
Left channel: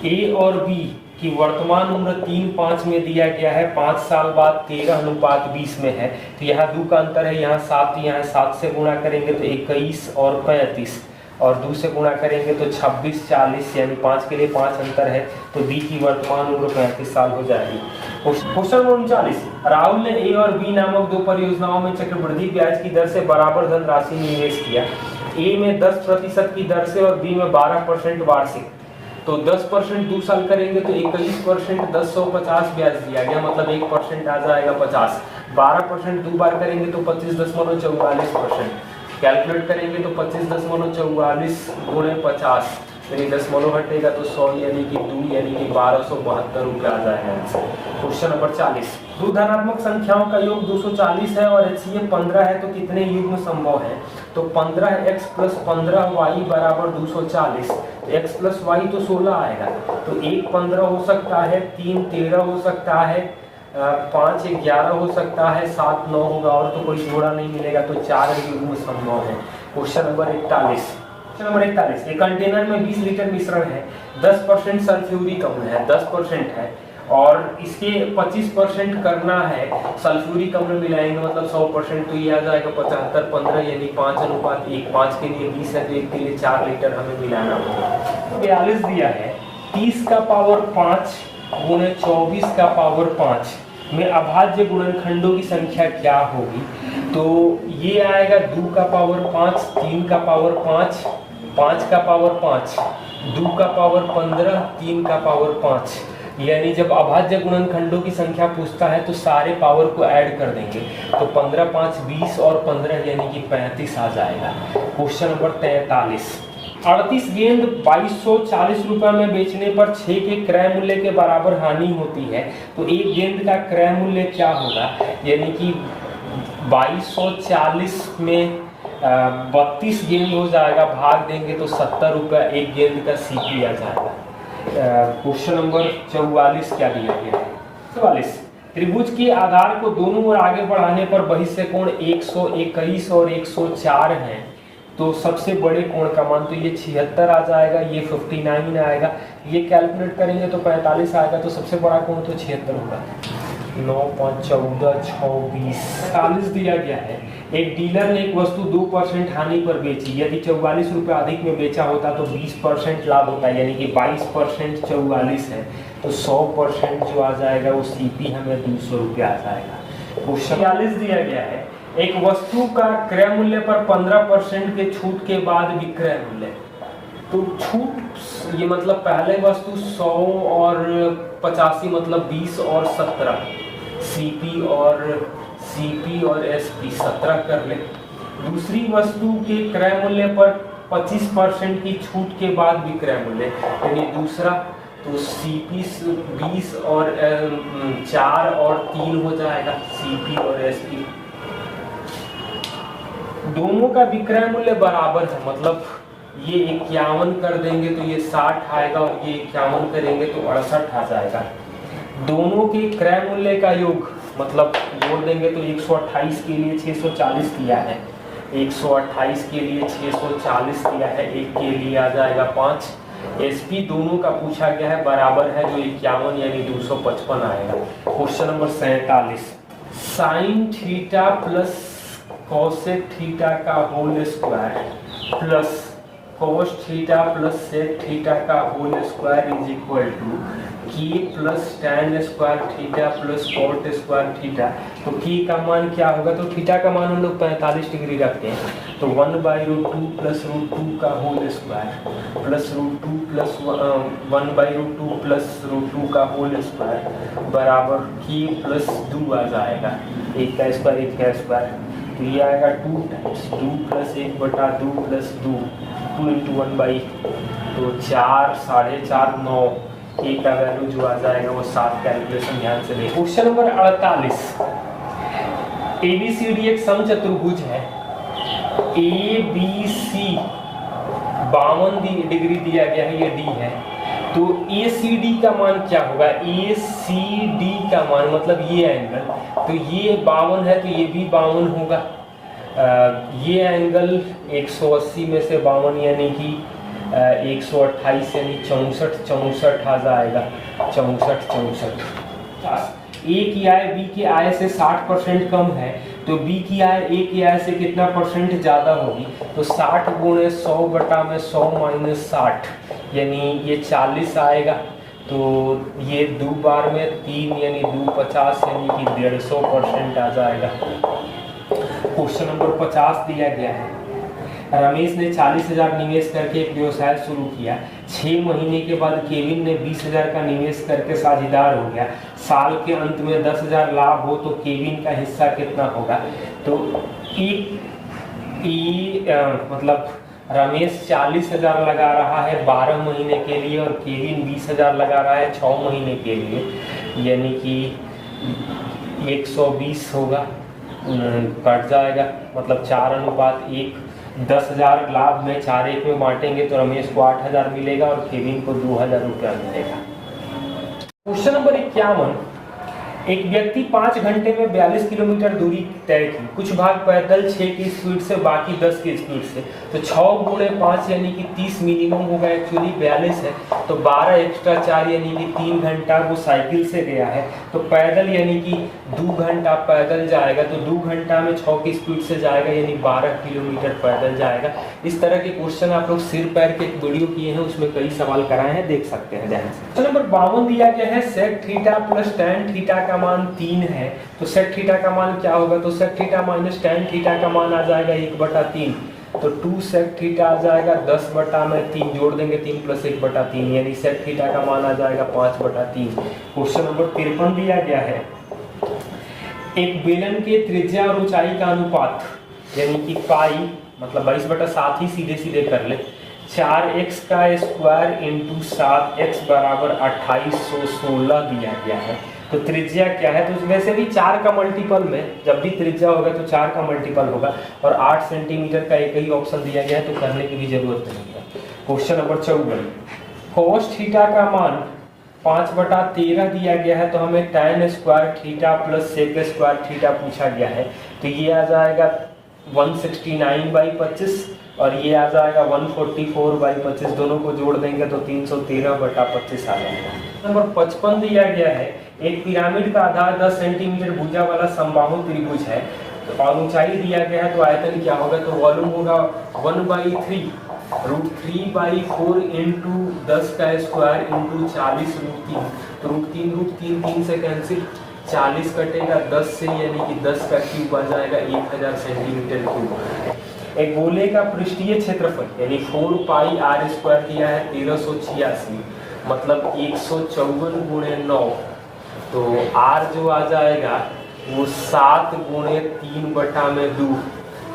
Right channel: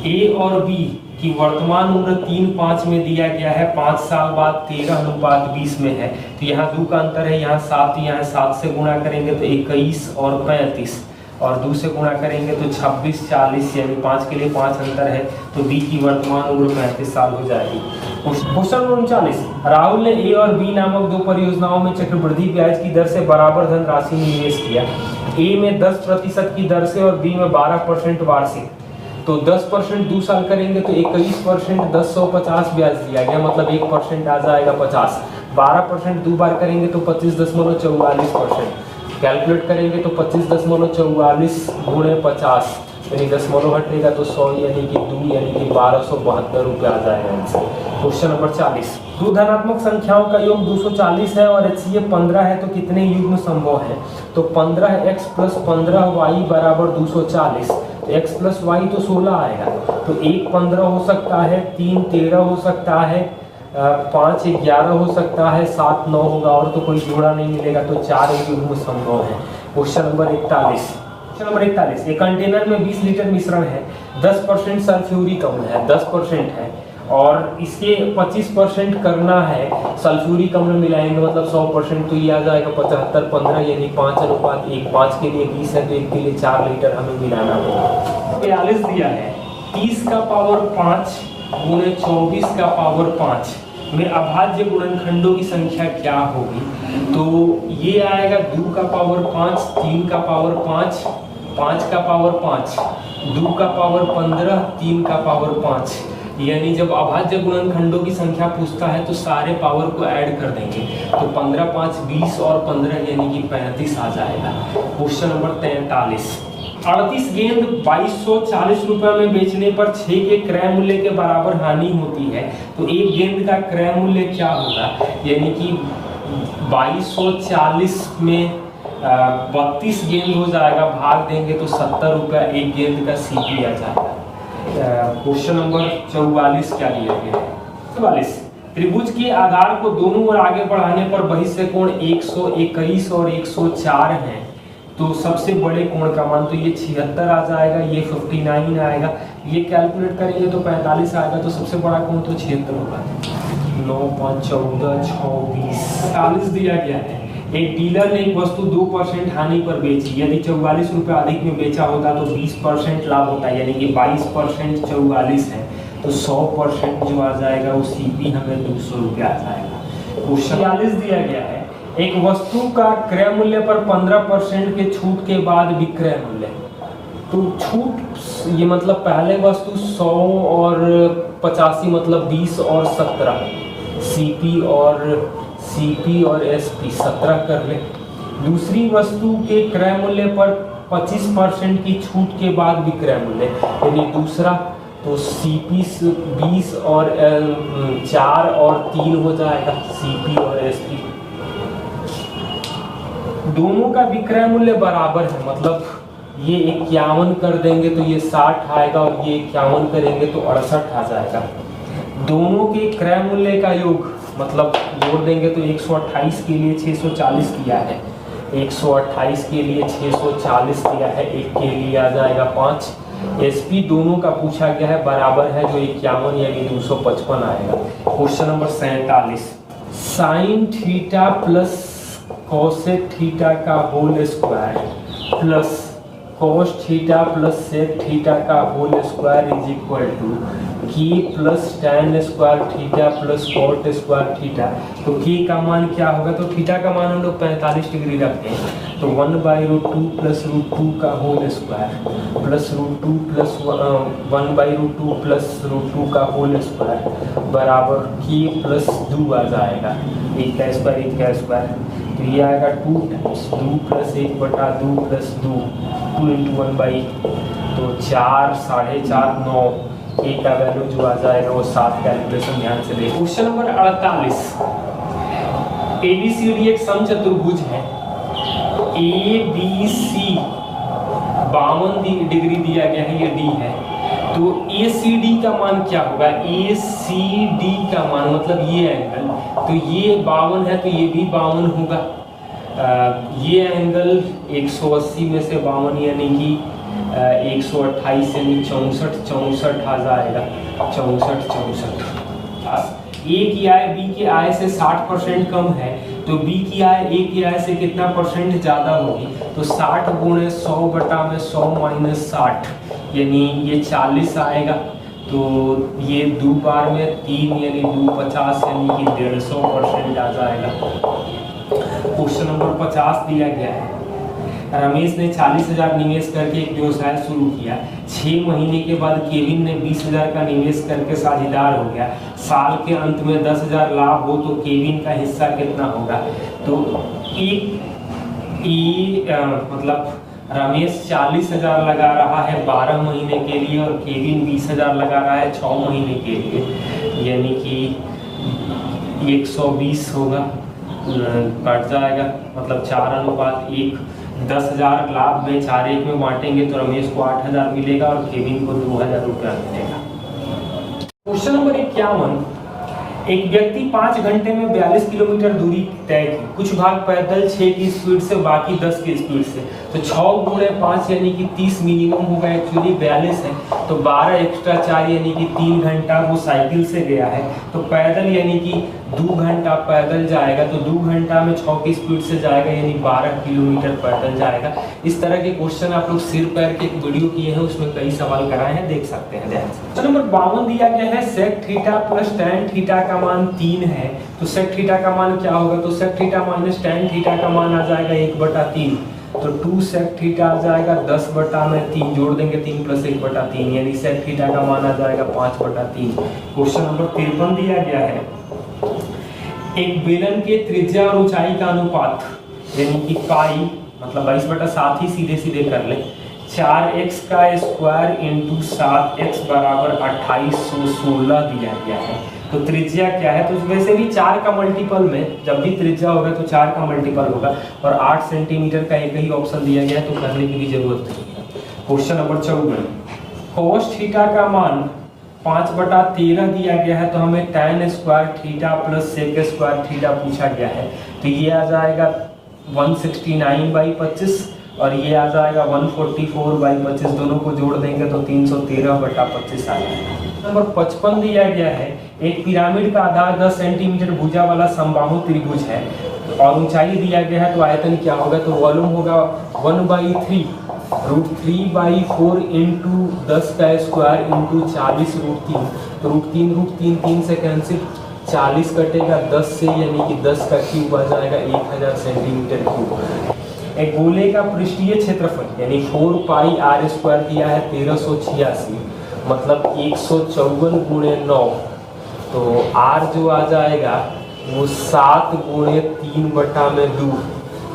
ए और बी कि वर्तमान उम्र 3-5 में दिया गया है, 5 साल बाद 13:20 में है। तो यहाँ 2 का अंतर है, यहाँ 7, यहाँ 7 से गुणा करेंगे तो 21 और 35, और 2 से गुणा करेंगे तो 26 40, यानी 5 के लिए 5 अंतर है, तो बी की वर्तमान उम्र 35 साल हो जाएगी। क्वेश्चन नंबर 39, राहुल ने ए और बी नामक 2 परियोजनाओं में चक्रवृद्धि ब्याज की दर से बराबर धनराशि निवेश किया। ए में 10% की दर से और बी में 12% वार्षिक। तो 10% 2 साल करेंगे तो 21% 1050 ब्याज दिया गया, मतलब 1% आ जाएगा 50। 12% 2 बार करेंगे तो 25.44%। कैलकुलेट करेंगे तो 25.44 गुणे 50 यानी 10 हटेगा तो 100 यानी कि 2 यानी कि 1272 रुपये आ जाएगा आंसर। क्वेश्चन नंबर 40, दो धनात्मक संख्याओं का योग 240 है और HCF 15 है, तो कितने युग्म संभव है? तो 15x प्लस 15y बराबर 240, तो x प्लस y तो 16 आएगा, तो 1 15 हो सकता है, 3 13 हो सकता है, 5 11 हो सकता है, 7 9 होगा, और तो कोई जोड़ा नहीं मिलेगा, तो 4 युग्म संभव है। क्वेश्चन नंबर 41, एक कंटेनर में 20 लीटर मिश्रण है, 10% सल्फ्यूरिक अम्ल है, 10% है, और इसके 25% करना है सल्फ्यूरिक अम्ल मिलाएंगे, मतलब 100%, तो ये आ जाएगा 75 15 यानी 5:1। 5 के लिए 20 है तो 1 के लिए 4 लीटर हमें मिलाना होगा। 42 दिया है 30 का पावर 5 गुणे 24 का पावर 5 में अभाज्य गुणनखंडों की संख्या क्या होगी? तो ये आएगा 2 का पावर 5, 3 का पावर 5, 5 का पावर 5, 2 का पावर 15, 3 का पावर 5। यानी जब अभाज्य गुणनखंडों की संख्या पूछता है तो सारे पावर को ऐड कर देंगे, तो 15 5 20 और 15 यानी कि 35 आ जाएगा। क्वेश्चन नंबर 43, 38 गेंद 2240 रुपए में बेचने पर 6 के क्रय मूल्य के बराबर हानि होती है, तो एक गेंद का क्रय मूल्य क्या होगा? यानी कि 2240 में 32 गेंद हो जाएगा, भाग देंगे तो 70 रुपया एक गेंद का सीपी आ जाएगा। क्वेश्चन नंबर 44 क्या दिया गया है? 44, त्रिभुज के आधार को दोनों ओर आगे बढ़ाने पर बहिष्य कोण 121 और 104 हैं, तो सबसे बड़े कोण का मान तो ये 76 आ जाएगा, ये 59 आएगा, ये कैलकुलेट करेंगे तो 45 आएगा, तो सबसे बड़ा कोण तो 76 होगा। 9 5 14 6 20 40 दिया गया है। एक डीलर ने एक वस्तु 2% हानि पर बेची, यदि 44 रुपये अधिक में बेचा होता तो 20% लाभ होता है, यानी कि 22% 44 है, तो 100% जो आ जाएगा वो सीपी हमें 200 रुपये आ जाएगा। क्वेश्चन 46 दिया गया है, एक वस्तु का क्रय मूल्य पर 15% के छूट के बाद विक्रय मूल्य, तो छूट ये मतलब पहले वस्तु 100 और 85 मतलब 20 और 17, सीपी और एसपी 17 कर ले। दूसरी वस्तु के क्रय मूल्य पर 25% की छूट के बाद विक्रय मूल्य, यानी दूसरा तो सीपी 20 और 4 और 3 हो जाएगा, सीपी और एसपी। दोनों का विक्रय मूल्य बराबर है, मतलब ये 51 कर देंगे तो ये 60 आएगा और ये 51 करेंगे तो 68 आ जाएगा। दोनों के क्रय मूल्य का योग मतलब जोड़ देंगे तो 128 के लिए 640 दिया है, 128 के लिए 640 दिया है, एक के लिए आ जाएगा 5। एसपी दोनों का पूछा गया है, बराबर है जो 51 यानी 255 आएगा। Question number 47, sine theta plus cosec theta का whole square plus cos theta plus sec theta का whole square is equal to k plus tan square theta plus cot square theta. तो के का मान क्या होगा, तो थीटा का मान हम लोग 45 डिग्री रखते हैं, तो 1/√2 प्लस √2 का whole square plus √2 plus 1/√2 plus √2 का होल स्क्वायर बराबर के प्लस 2 आ जाएगा, एक का स्क्वायर एक का स्क्वायर, तो ये आएगा 2 टाइम्स 2 प्लस 1/2 प्लस 2 2 इंटू 1/, तो 4 4.5 9, एक का वैल्यू जो आ जाएगा वो 7। कैलकुलेशन ध्यान से देखिए। क्वेश्चन नंबर 48, एबीसीडी एक समचतुर्भुज है, एबीसी 52 डिग्री दिया गया है, ये डी है, तो एसीडी का मान क्या होगा, एसीडी का मान मतलब ये एंगल, तो ये 52 है तो ये भी 52 होगा। ये एंगल 180 में से 52 यानी कि 128 यानी 64 आ जाएगा, 64। ए की आय बी की आय से 60% कम है, तो बी की आय ए की आय से कितना परसेंट ज्यादा होगी, तो 60 गुणे 100/100 माइनस 60 यानी ये 40 आएगा, तो ये 2 बार में 3 यानी 2 50 यानी कि 150% आ जाएगा। क्वेश्चन नंबर 50 दिया गया है, रमेश ने 40,000 निवेश करके एक व्यवसाय शुरू किया, 6 महीने के बाद केविन ने 20,000 का निवेश करके साझेदार हो गया, साल के अंत में 10,000 लाभ हो तो केविन का हिस्सा कितना होगा। तो मतलब रमेश 40,000 लगा रहा है 12 महीने के लिए और केविन 20,000 लगा रहा है 6 महीने के लिए, यानी कि 120 होगा, कट जाएगा, मतलब 4:1। 10,000 लाभ में 4:1 में बांटेंगे तो रमेश को 8,000 मिलेगा और केविन को 2,000 रुपया मिलेगा। क्वेश्चन नंबर 51, एक व्यक्ति 5 घंटे में 42 किलोमीटर दूरी तय की, कुछ भाग पैदल 6 की स्पीड से बाकी 10 की स्पीड से, तो 6 गुणे 5 यानी कि 30 मिनिमम होगा, एक्चुअली 42 है, तो 12 एक्स्ट्रा 4 यानी कि 3 घंटा वो साइकिल से गया है, तो पैदल यानी कि 2 घंटा पैदल जाएगा, तो 2 घंटा में 6 की स्पीड से जाएगा यानी 12 किलोमीटर पैदल जाएगा। इस तरह के क्वेश्चन आप लोग सिर पैर के एक वीडियो किए हैं, उसमें कई सवाल कराए हैं, देख सकते हैं। क्वेश्चन नंबर 52 दिया गया है, sec theta plus tan theta का मान 3 है, तो सेक थीटा का मान क्या होगा, तो sec theta minus tan theta का मान आ जाएगा 1/3, तो 2 सेक थीटा आ जाएगा 10/3, जोड़ देंगे 3 प्लस 1/3 यानी सेक थीटा का मान आ जाएगा 5/3। क्वेश्चन नंबर 53 दिया गया है, एक बेलन के त्रिज्या और ऊंचाई का अनुपात यानी कि पाई मतलब 22/7 ही सीधे सीधे कर ले, 4x का स्क्वायर इंटू 7x बराबर 2816 दिया गया है, तो त्रिज्या क्या है, तो वैसे भी 4 का मल्टीपल में जब भी त्रिज्या होगा तो 4 का मल्टीपल होगा, और 8 सेंटीमीटर का एक ही ऑप्शन दिया गया है तो करने की भी जरूरत नहीं है। क्वेश्चन नंबर 54, cos थीटा का मान 5/13 दिया गया है, तो हमें tan square theta plus sec square theta पूछा गया है, तो ये आ जाएगा 169/25 और ये आ जाएगा 144/25, दोनों को जोड़ देंगे तो 313/25 आ जाएगा। नंबर 55 दिया गया है, एक पिरामिड का आधार 10 सेंटीमीटर भुजा वाला समबाहु त्रिभुज है और ऊंचाई दिया गया है, तो आयतन क्या होगा, तो वॉल्यूम होगा 1/3 √3/4 इंटू 10 का स्क्वायर इंटू 40 √3, तो √3 से कैंसिल, 40 कटेगा 10 से यानी कि 10 का क्यूब आ जाएगा 1000 सेंटीमीटर क्यूब। एक गोले का पृष्ठीय क्षेत्रफल यानी 4 पाई आर स्क्वायर दिया है 1386, मतलब 154 गुणे 9, तो आर जो आ जाएगा वो 7 गुणे 3/2।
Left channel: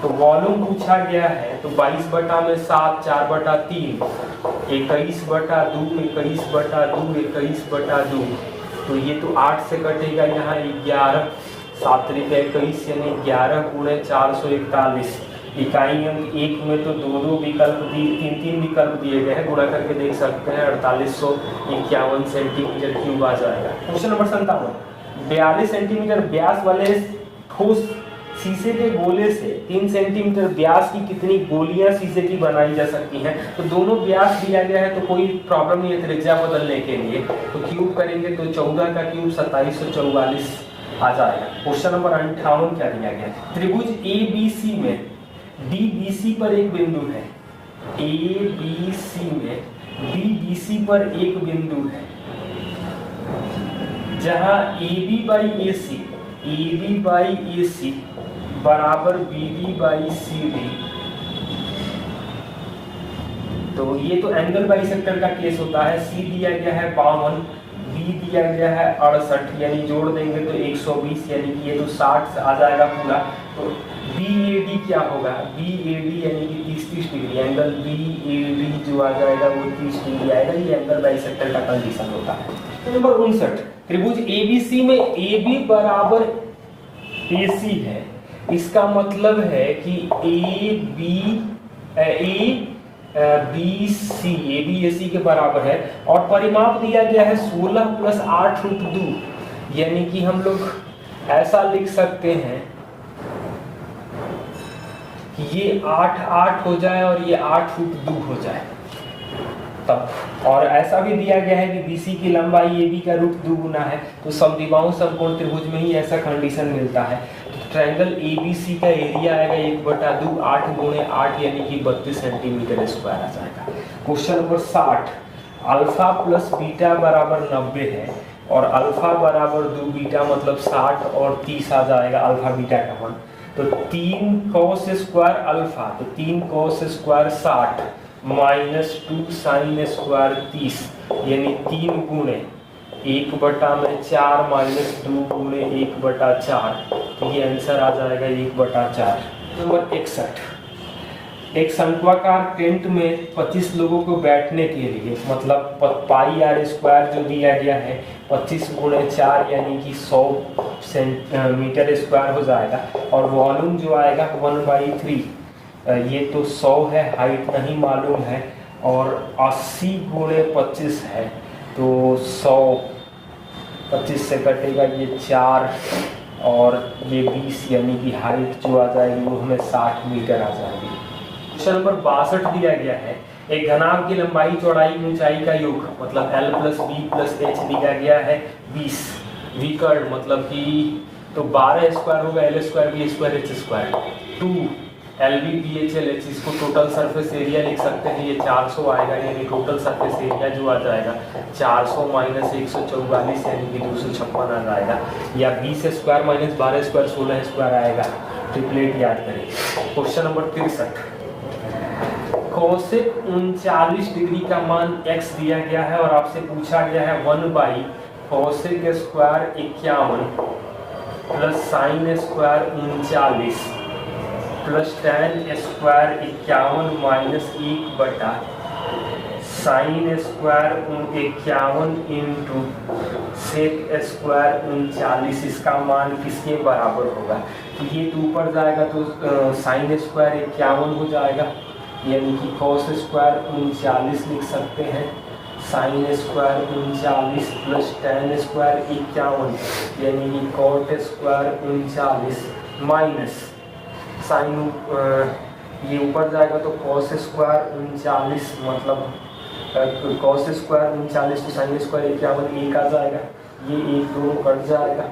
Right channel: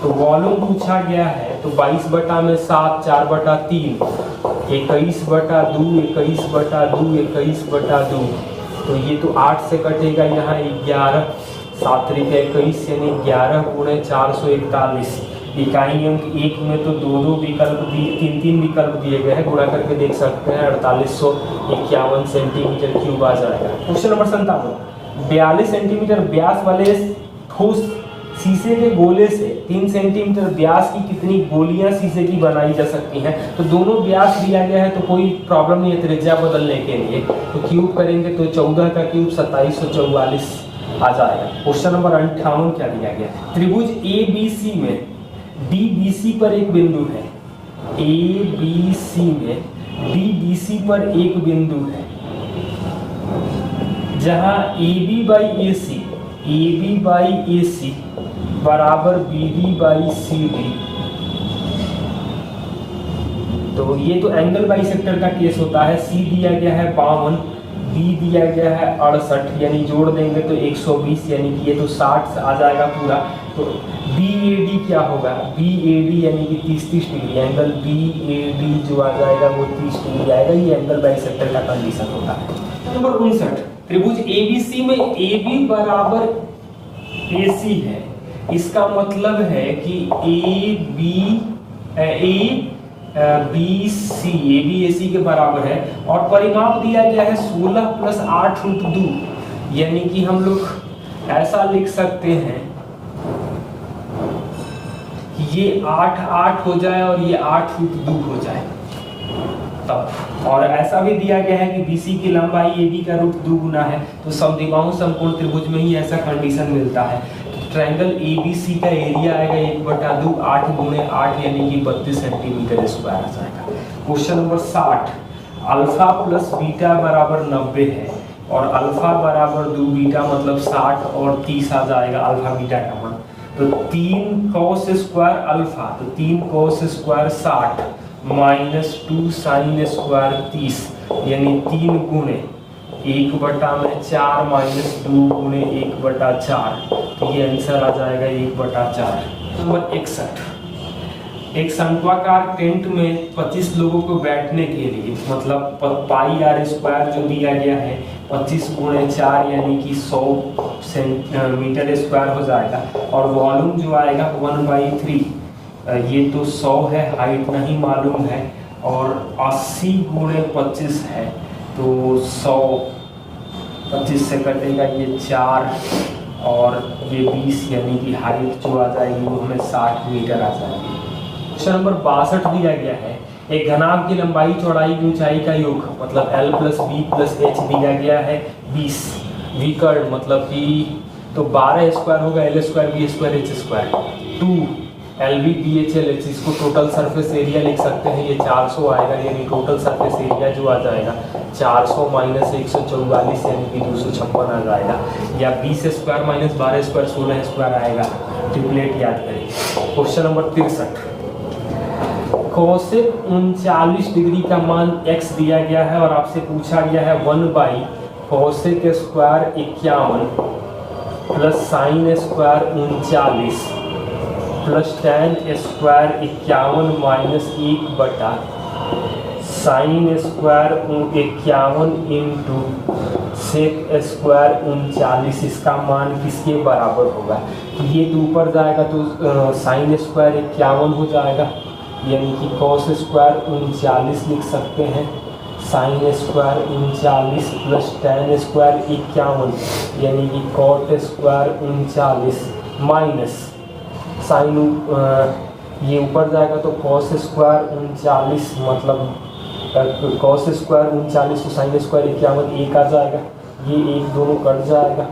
तो वॉल्यूम पूछा गया है तो 22/7 4/3 21/2 21/2 21/2, तो ये तो 8 से कटेगा, यहाँ 11 7 21 यानी 11 गुणे 441। इकाई अंक 1 में तो दो विकल्प तीन विकल्प दिए गए हैं, गुणा करके देख सकते हैं 4851 सेंटीमीटर क्यूब आ जाएगा। क्वेश्चन नंबर 57, 42 सेंटीमीटर व्यास वाले ठोस शीशे के गोले से 3 सेंटीमीटर व्यास की कितनी गोलियां शीशे की बनाई जा सकती हैं। तो दोनों व्यास दिया गया है तो कोई प्रॉब्लम नहीं है त्रिज्या बदलने के लिए, तो क्यूब करेंगे तो 14 का क्यूब 2744 आ जाएगा। क्वेश्चन नंबर 58 क्या दिया गया, त्रिभुज ABC में DBC पर एक बिंदु है, ABC में DBC पर एक बिंदु है जहां AB बाई AC बराबर BD बाई CD। तो ये तो एंगल बाइसेक्टर का केस होता है। C दिया गया है 52, B दिया गया है 68, यानी जोड़ देंगे तो 120, यानी कि ये तो 60 आ जाएगा पूरा। तो BAD क्या होगा, BAD यानी कि 30 डिग्री, एंगल BAD जो आ जाएगा वो 30 डिग्री आएगा। ये एंगल बाइसेक्टर का कंडीशन होता है। नंबर 59, त्रिभुज ABC में AB बराबर AC है, इसका मतलब है कि ABC के बराबर है और परिमाप दिया गया है 16 + 8√2, यानी कि हम लोग ऐसा लिख सकते हैं कि ये 8 हो जाए और ये 8√2 हो जाए तब। और ऐसा भी दिया गया है कि BC की लंबाई AB का √2 गुना है, तो समद्विबाहु समकोण त्रिभुज में ही ऐसा कंडीशन मिलता है। ट्रायंगल ABC का एरिया आएगा 1/2 8 गुणे 8 यानी कि 32 सेंटीमीटर स्क्वायर आ जाएगा। Question number 60, alpha plus beta बराबर 90 है और अल्फा बराबर 2 बीटा मतलब 60 और 30 आ जाएगा अल्फा बीटा का मान। तो 3 cos स्क्वायर अल्फा, तो 3 cos स्क्वायर 60 -2 sin स्क्वायर 30, यानी 3 गुणे 1/4 -2 गुणे 1/4, तो ये आंसर आ जाएगा 1/4। नंबर 61, एक शंक्वाकार टेंट में 25 लोगों को बैठने के लिए मतलब पाई आर स्क्वायर जो दिया गया है 25 गुणे 4 यानी कि 100 मीटर स्क्वायर हो जाएगा। और वॉल्यूम जो आएगा 1/3, ये तो 100 है, हाइट नहीं मालूम है, और 80 गुणे 25 है, तो 100 25 से कटेगा ये 4 और ये 20, यानी कि हाइट जो आ जाएगी वो हमें 60 मीटर आ जाएगी। क्वेश्चन नंबर 62 दिया गया है, एक घनाभ की लंबाई चौड़ाई की ऊंचाई का योग मतलब L + B + H दिया गया है 20, विकर्ण मतलब कि तो 12 स्क्वायर होगा L² B² H², 2 LB BHL H, इसको टोटल सरफेस एरिया लिख सकते हैं, ये 400 आएगा, यानी टोटल सरफेस एरिया जो आ जाएगा 400 - 144 यानी कि 256 आ जाएगा, या 20² - 12² 16² आएगा। ट्रिपलेट याद करें। क्वेश्चन नंबर 63, कोसेक 39 डिग्री का मान x दिया गया है और आपसे पूछा गया है one by cosec square 51 plus sine square 39 plus tan square 51 minus 1 sine square 51 into sec square 39, इसका मान किसके बराबर होगा। तो ये तो ऊपर जाएगा तो साइन स्क्वायर 51 हो जाएगा, यानी कि कॉस स्क्वायर 39 लिख सकते हैं, sign square 39 plus tan square 51 यानी कि कॉट स्क्वायर 39 माइनस साइन ये ऊपर जाएगा तो कॉस स्क्वायर 39 मतलब कॉस स्क्वायर 39 तो साइन स्क्वायर 51 1 आ जाएगा, ये 1 दोनों कट जाएगा,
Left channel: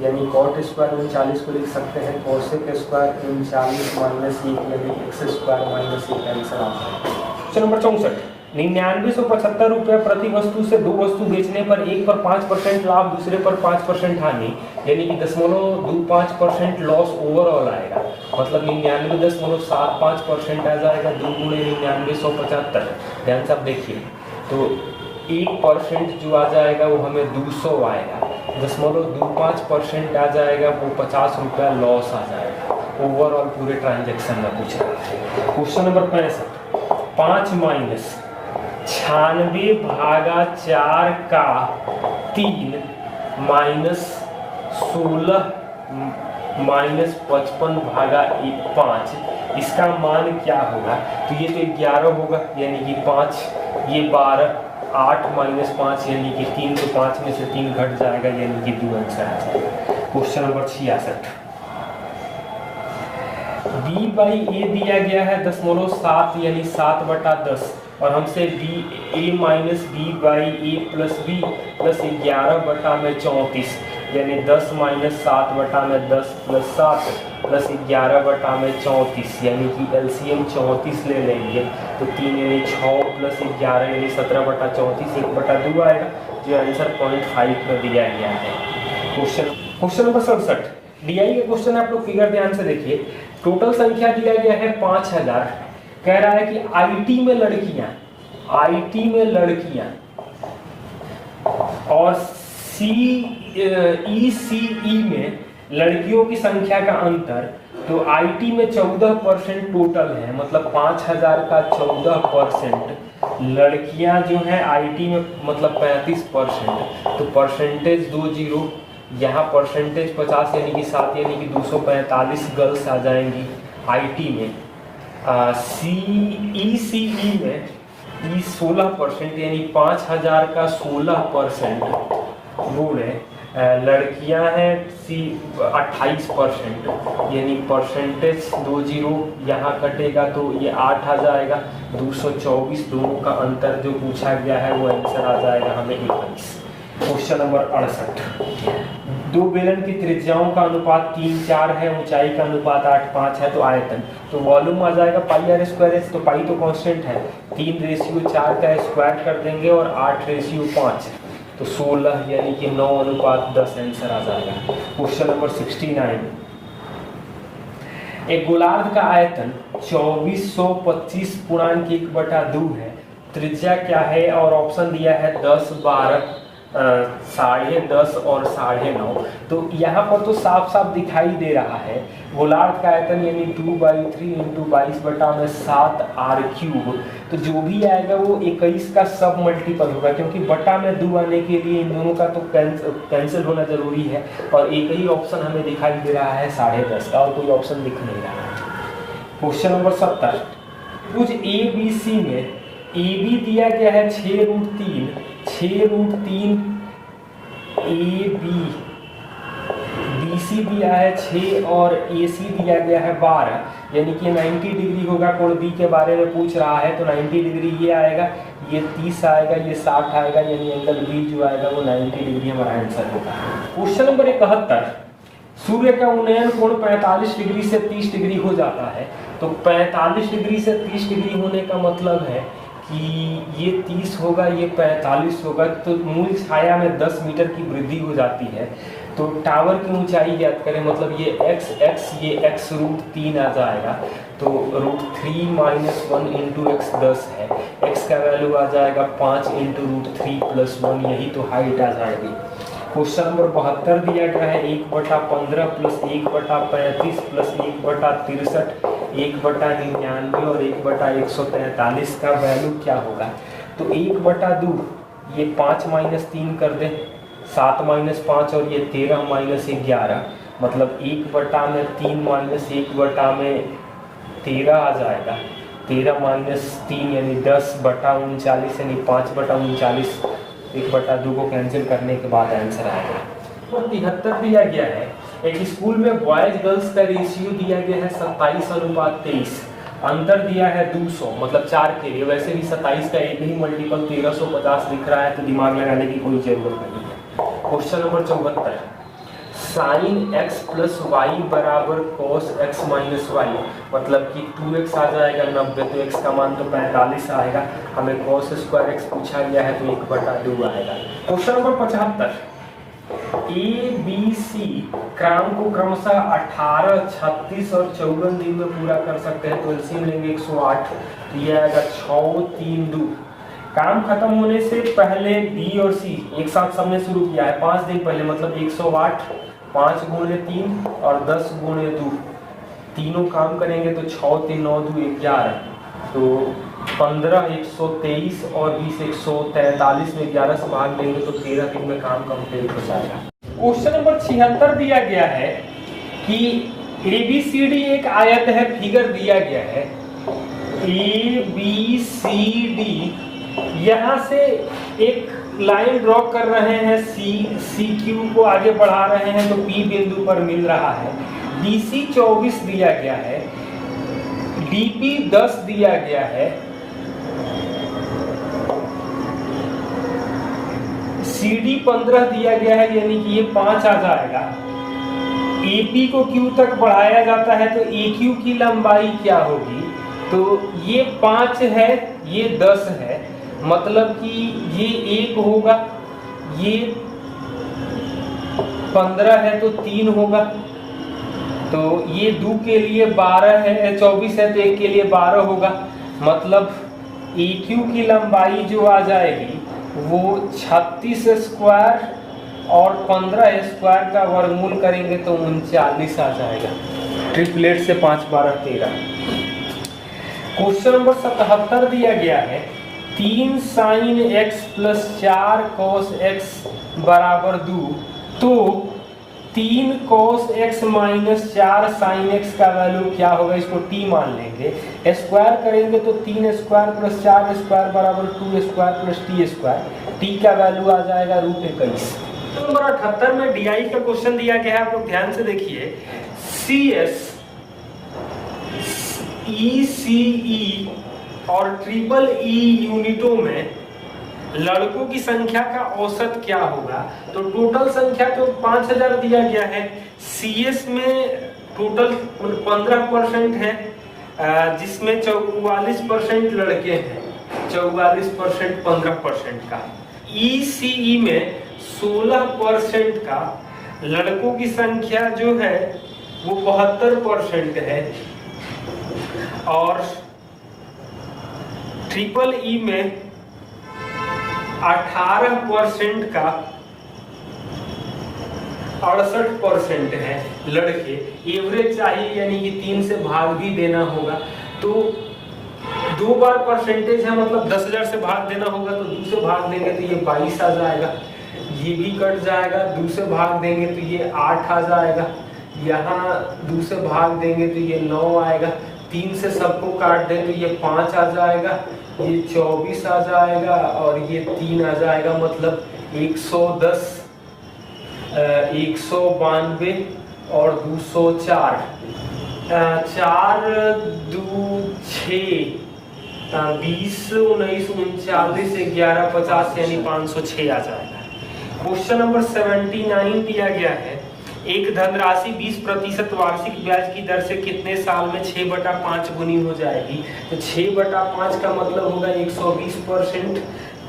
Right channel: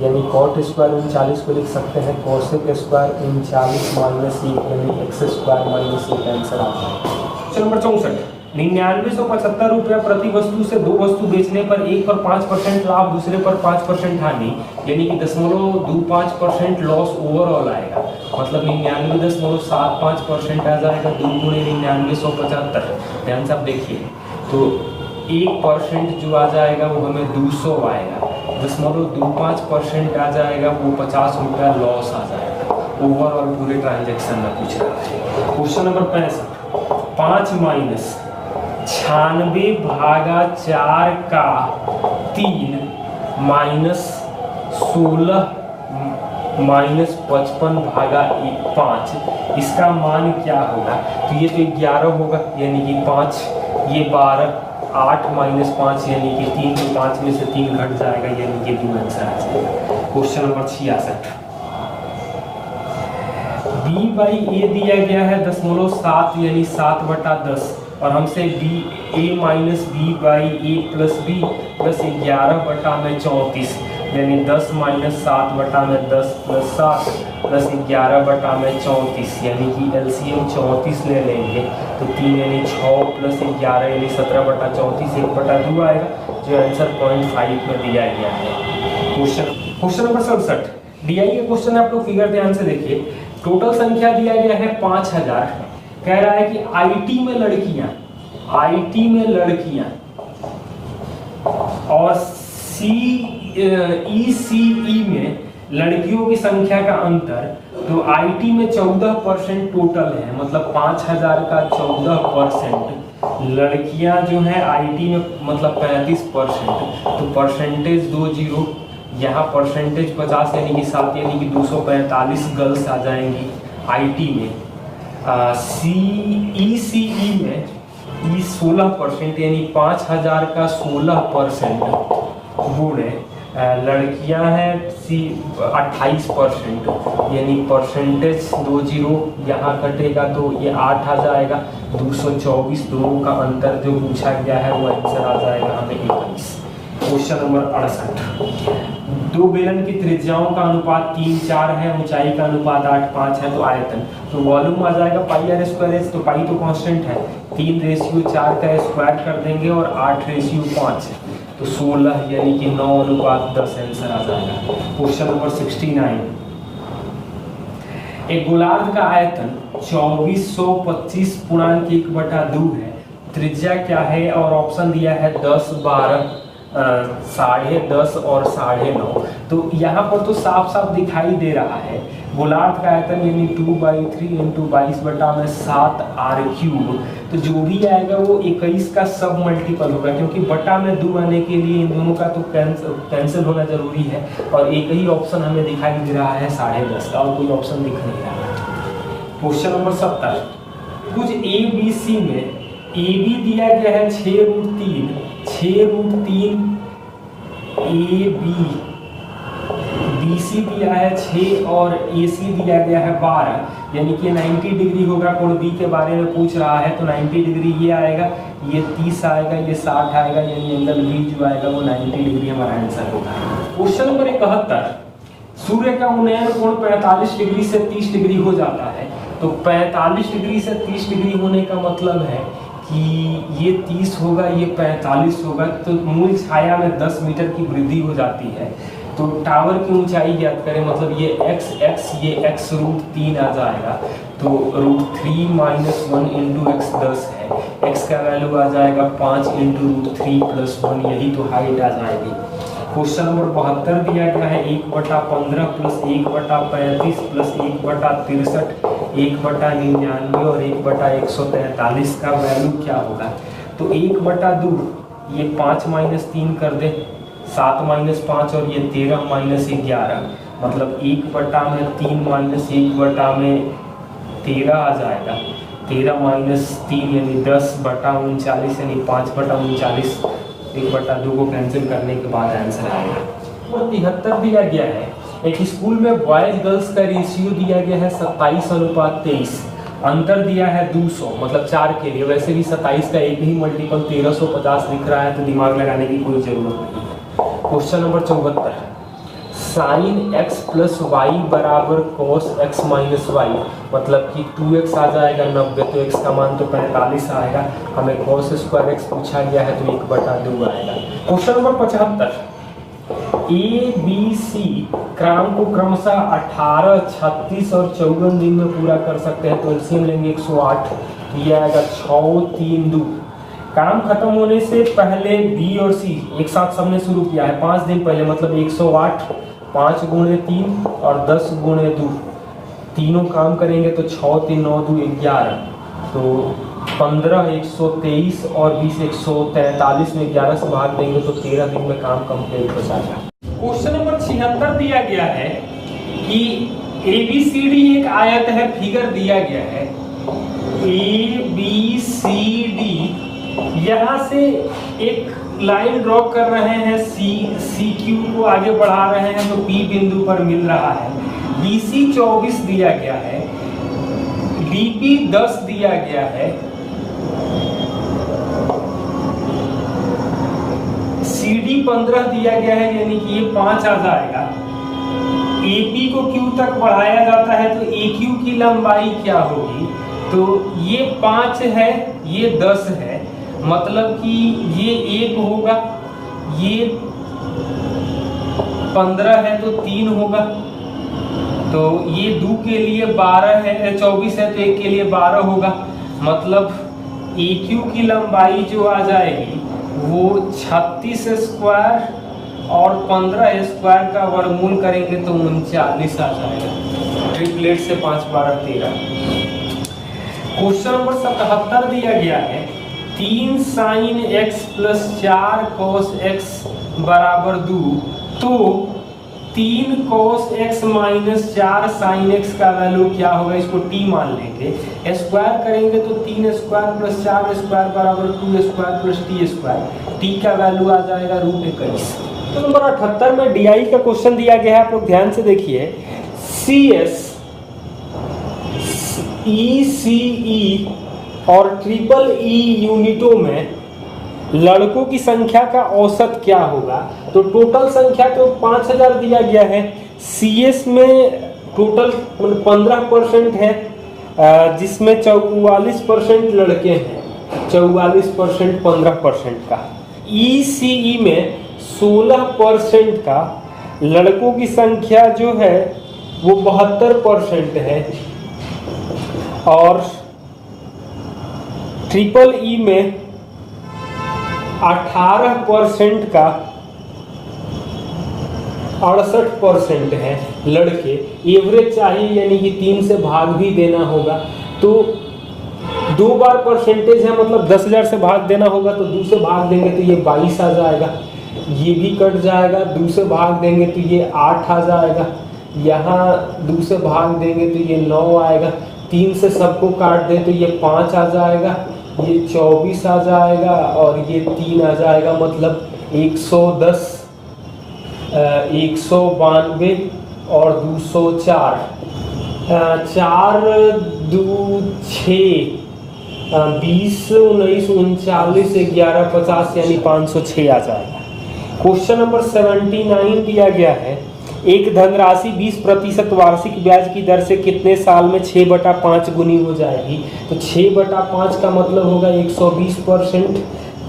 यानी कॉट स्क्वायर 39 को लिख सकते हैं कोसेक स्क्वायर 39 माइनस 1 यानी x² - 1 आंसर आ जाएगा। क्वेश्चन नंबर 64, ₹9975 प्रति वस्तु से 2 वस्तु बेचने पर एक पर 5% लाभ, दूसरे पर 5% हानि, यानी कि 0.25% लॉस ओवरऑल आएगा। मतलब 99.75% आ जाएगा। 2 गुणे 9975, ध्यान से आप देखिए, तो 1% जो आ जाएगा वो हमें 200 आएगा। 0.25% आ जाएगा, वो 50 रुपया लॉस आ जाएगा ओवरऑल पूरे ट्रांजेक्शन में पूछ रहा है। क्वेश्चन नंबर 65, 5 माइनस 96/4 का 3 माइनस 16 माइनस 55/5, इसका मान क्या होगा? तो ये तो 11 होगा, यानी कि 5, ये 12, 8 माइनस 5 यानी कि 3, तो 5 में से 3 घट जाएगा, यानी कि 2 आंसर आ जाएगा। क्वेश्चन नंबर 66, b/a दिया गया है 0.7 यानी 7/10, और हमसे a minus b/a plus b plus 11/34 यानी 10 माइनस 7/10 प्लस 7 प्लस 11/34 यानी कि एलसीएम 34 ले लेंगे, तो 3 यानी 6 प्लस 11 यानी 17/34, 1/2 आएगा, जो आंसर 0.5 में दिया गया है। क्वेश्चन नंबर 67, डीआई का क्वेश्चन है, आप लोग फिगर ध्यान से देखिए। टोटल संख्या दिया गया है 5000, कह रहा है कि आईटी में लड़कियां और ईसीई में लड़कियों की संख्या का अंतर, तो आईटी में 14% टोटल है, मतलब 5000 का 14%, लड़कियां जो है आईटी में मतलब 35%, तो परसेंटेज 20, यहाँ परसेंटेज 50 यानी कि 7 यानी कि 245 गर्ल्स आ जाएंगी आईटी में। ईसीई में 16% यानी 5000 का 16% गुणे लड़कियां हैं 28% यानी परसेंटेज 20 यहाँ कटेगा, तो ये 8 आ जाएगा, 224 दोनों का अंतर जो पूछा गया है वो आंसर आ जाएगा हमें 21। क्वेश्चन नंबर 68, 2 बेलन की त्रिज्याओं का अनुपात 3:4 है, ऊंचाई का अनुपात 8:5 है, तो आयतन, तो वॉल्यूम आ जाएगा πr², तो पाई तो कांस्टेंट है, 3:4 का स्क्वायर कर देंगे और 8:5, तो 16 यानी कि 9:10 आंसर आ जाएगा। क्वेश्चन नंबर 69, एक गोलार्ध का आयतन 2425.1/2 है, त्रिज्या क्या है? और ऑप्शन दिया है 10, 12, 10.5 और 9.5। तो यहाँ पर तो साफ साफ दिखाई दे रहा है गोलार्ध का आयतन यानी 2/3 × 22/7r³, तो जो भी आएगा वो 21 का सब मल्टीपल होगा, क्योंकि बटा में 2 आने के लिए इन दोनों का तो कैंसिल होना जरूरी है, और एक ही ऑप्शन हमें दिखाई दे रहा है 10.5 का, और कोई ऑप्शन दिख नहीं रहा। क्वेश्चन नंबर 70, कुछ ABC में AB दिया गया है 6√3 AB, BC दिया है 6 और AC दिया गया है 12, यानी कि 90 डिग्री होगा। कोण B के बारे में पूछ रहा है, तो 90 डिग्री ये आएगा, ये 30 आएगा, ये 60 आएगा, यानी एंगल B जो आएगा वो 90 डिग्री हमारा आंसर होगा। क्वेश्चन नंबर 71, सूर्य का उन्नयन कोण 45 डिग्री से 30 डिग्री हो जाता है, तो 45 डिग्री से 30 डिग्री होने का मतलब है कि ये 30 होगा, ये 45 होगा, तो मूल छाया में 10 मीटर की वृद्धि हो जाती है। तो टावर की ऊंचाई ज्ञात करें, मतलब ये x ये x√3 आ जाएगा, तो √3 - 1 × x 10 है, x का वैल्यू आ जाएगा 5 × √3 + 1, यही तो हाइट आ जाएगी। क्वेश्चन नंबर 72 दिया गया है 1/15 + 1/35 + 1/63 1/99 और 1/143 का वैल्यू क्या होगा? तो 1/2 ये 5 - 3 कर दे, 7 - 5 और ये 13 - 11, मतलब 1/3 - 1/13 आ जाएगा। 13 - 3 यानी 10/39 यानी 5/39, 1/2 को कैंसिल करने के बाद आंसर आएगा। और 73 दिया गया है, एक स्कूल में बॉयज गर्ल्स का रेशियो दिया गया है 27:23, अंतर दिया है 200, मतलब 4 के लिए। वैसे भी 27 का एक ही मल्टीपल 1350 दिख रहा है, तो दिमाग लगाने की कोई जरूरत नहीं है। Question number 74, sine x plus y बराबर कॉस एक्स माइनस वाई, मतलब कि 2x आ जाएगा 90, तो x का मान तो 45 आएगा। हमें कॉस स्क्वायर एक्स पूछा गया है तो 1/2 आएगा। Question number 75, A B C क्रम को क्रमशः 18, 36 और 54 दिन में पूरा कर सकते हैं, तो एलसीएम लेंगे 108, तो ये आएगा 6, 3, 2। काम खत्म होने से पहले बी और सी एक साथ सबने शुरू किया है 5 दिन पहले, मतलब 108, 5 गुणे 3 और 10 गुणे 2, तीनों काम करेंगे तो 6, 3, 9, 2, 11, तो 15, 123 और 20, 143 में 11 से भाग देंगे तो 13 दिन में काम कंप्लीट हो जाएगा। क्वेश्चन नंबर 76 दिया गया है कि ABCD एक आयत है, फिगर दिया गया है ABCD, यहाँ से एक लाइन ड्रॉ कर रहे हैं, CQ को आगे बढ़ा रहे हैं तो P बिंदु पर मिल रहा है। BC 24 दिया गया है, BP 10 दिया गया है, CD 15 दिया गया है, यानी कि ये 5 आ जाएगा। AP को Q तक बढ़ाया जाता है तो AQ की लंबाई क्या होगी, तो ये 5 है, ये 10 है, मतलब कि ये 1 होगा, ये 15 है तो 3 होगा, तो ये 2 के लिए 12 है, 24 है तो 1 के लिए 12 होगा, मतलब AQ की लंबाई जो आ जाएगी वो 36 स्क्वायर और 15 स्क्वायर का वर्गमूल करेंगे तो 39 आ जाएगा। ट्रिपलेट से 5, 12, 13। क्वेश्चन नंबर 77 दिया गया है 3 sign x plus 4 cos x बराबर 2, तो 3 cos x minus 4 sine x का वैल्यू क्या होगा, इसको t मान लेंगे। स्क्वायर करेंगे तो 3 स्क्वायर प्लस 4 स्क्वायर बराबर 2 square plus t square, t का वैल्यू आ जाएगा √21। तो नंबर 78 में DI का क्वेश्चन दिया गया है, आप लोग ध्यान से देखिए। CS, ECE और EEE यूनिटों में लड़कों की संख्या का औसत क्या होगा, तो टोटल संख्या तो 5000 दिया गया है। CS में टोटल 15% है, जिसमें 44% लड़के हैं, 44% 15% का। ECE में 16% का, लड़कों की संख्या जो है वो 72% है, और EEE में 18% का 68% है लड़के। एवरेज चाहिए, यानी कि 3 से भाग भी देना होगा, तो 2 बार परसेंटेज है, मतलब 10,000 से भाग देना होगा, तो 2 से भाग देंगे तो ये 22 आ जाएगा, ये भी कट जाएगा, 2 से भाग देंगे तो ये 8 आ जाएगा, यहाँ 2 से भाग देंगे तो ये 9 आएगा, 3 से सबको काट दें तो ये 5 आ जाएगा, ये 24 आ जाएगा और ये 3 आ जाएगा, मतलब 110, 192 और 204, 4, 2, 6, 20, 19, 39, 11, 50 यानी 506 आ जाएगा। क्वेश्चन नंबर 79 दिया गया है एक धनराशि 20% वार्षिक ब्याज की दर से कितने साल में 6/5 गुनी हो जाएगी, तो 6/5 का मतलब होगा 120%,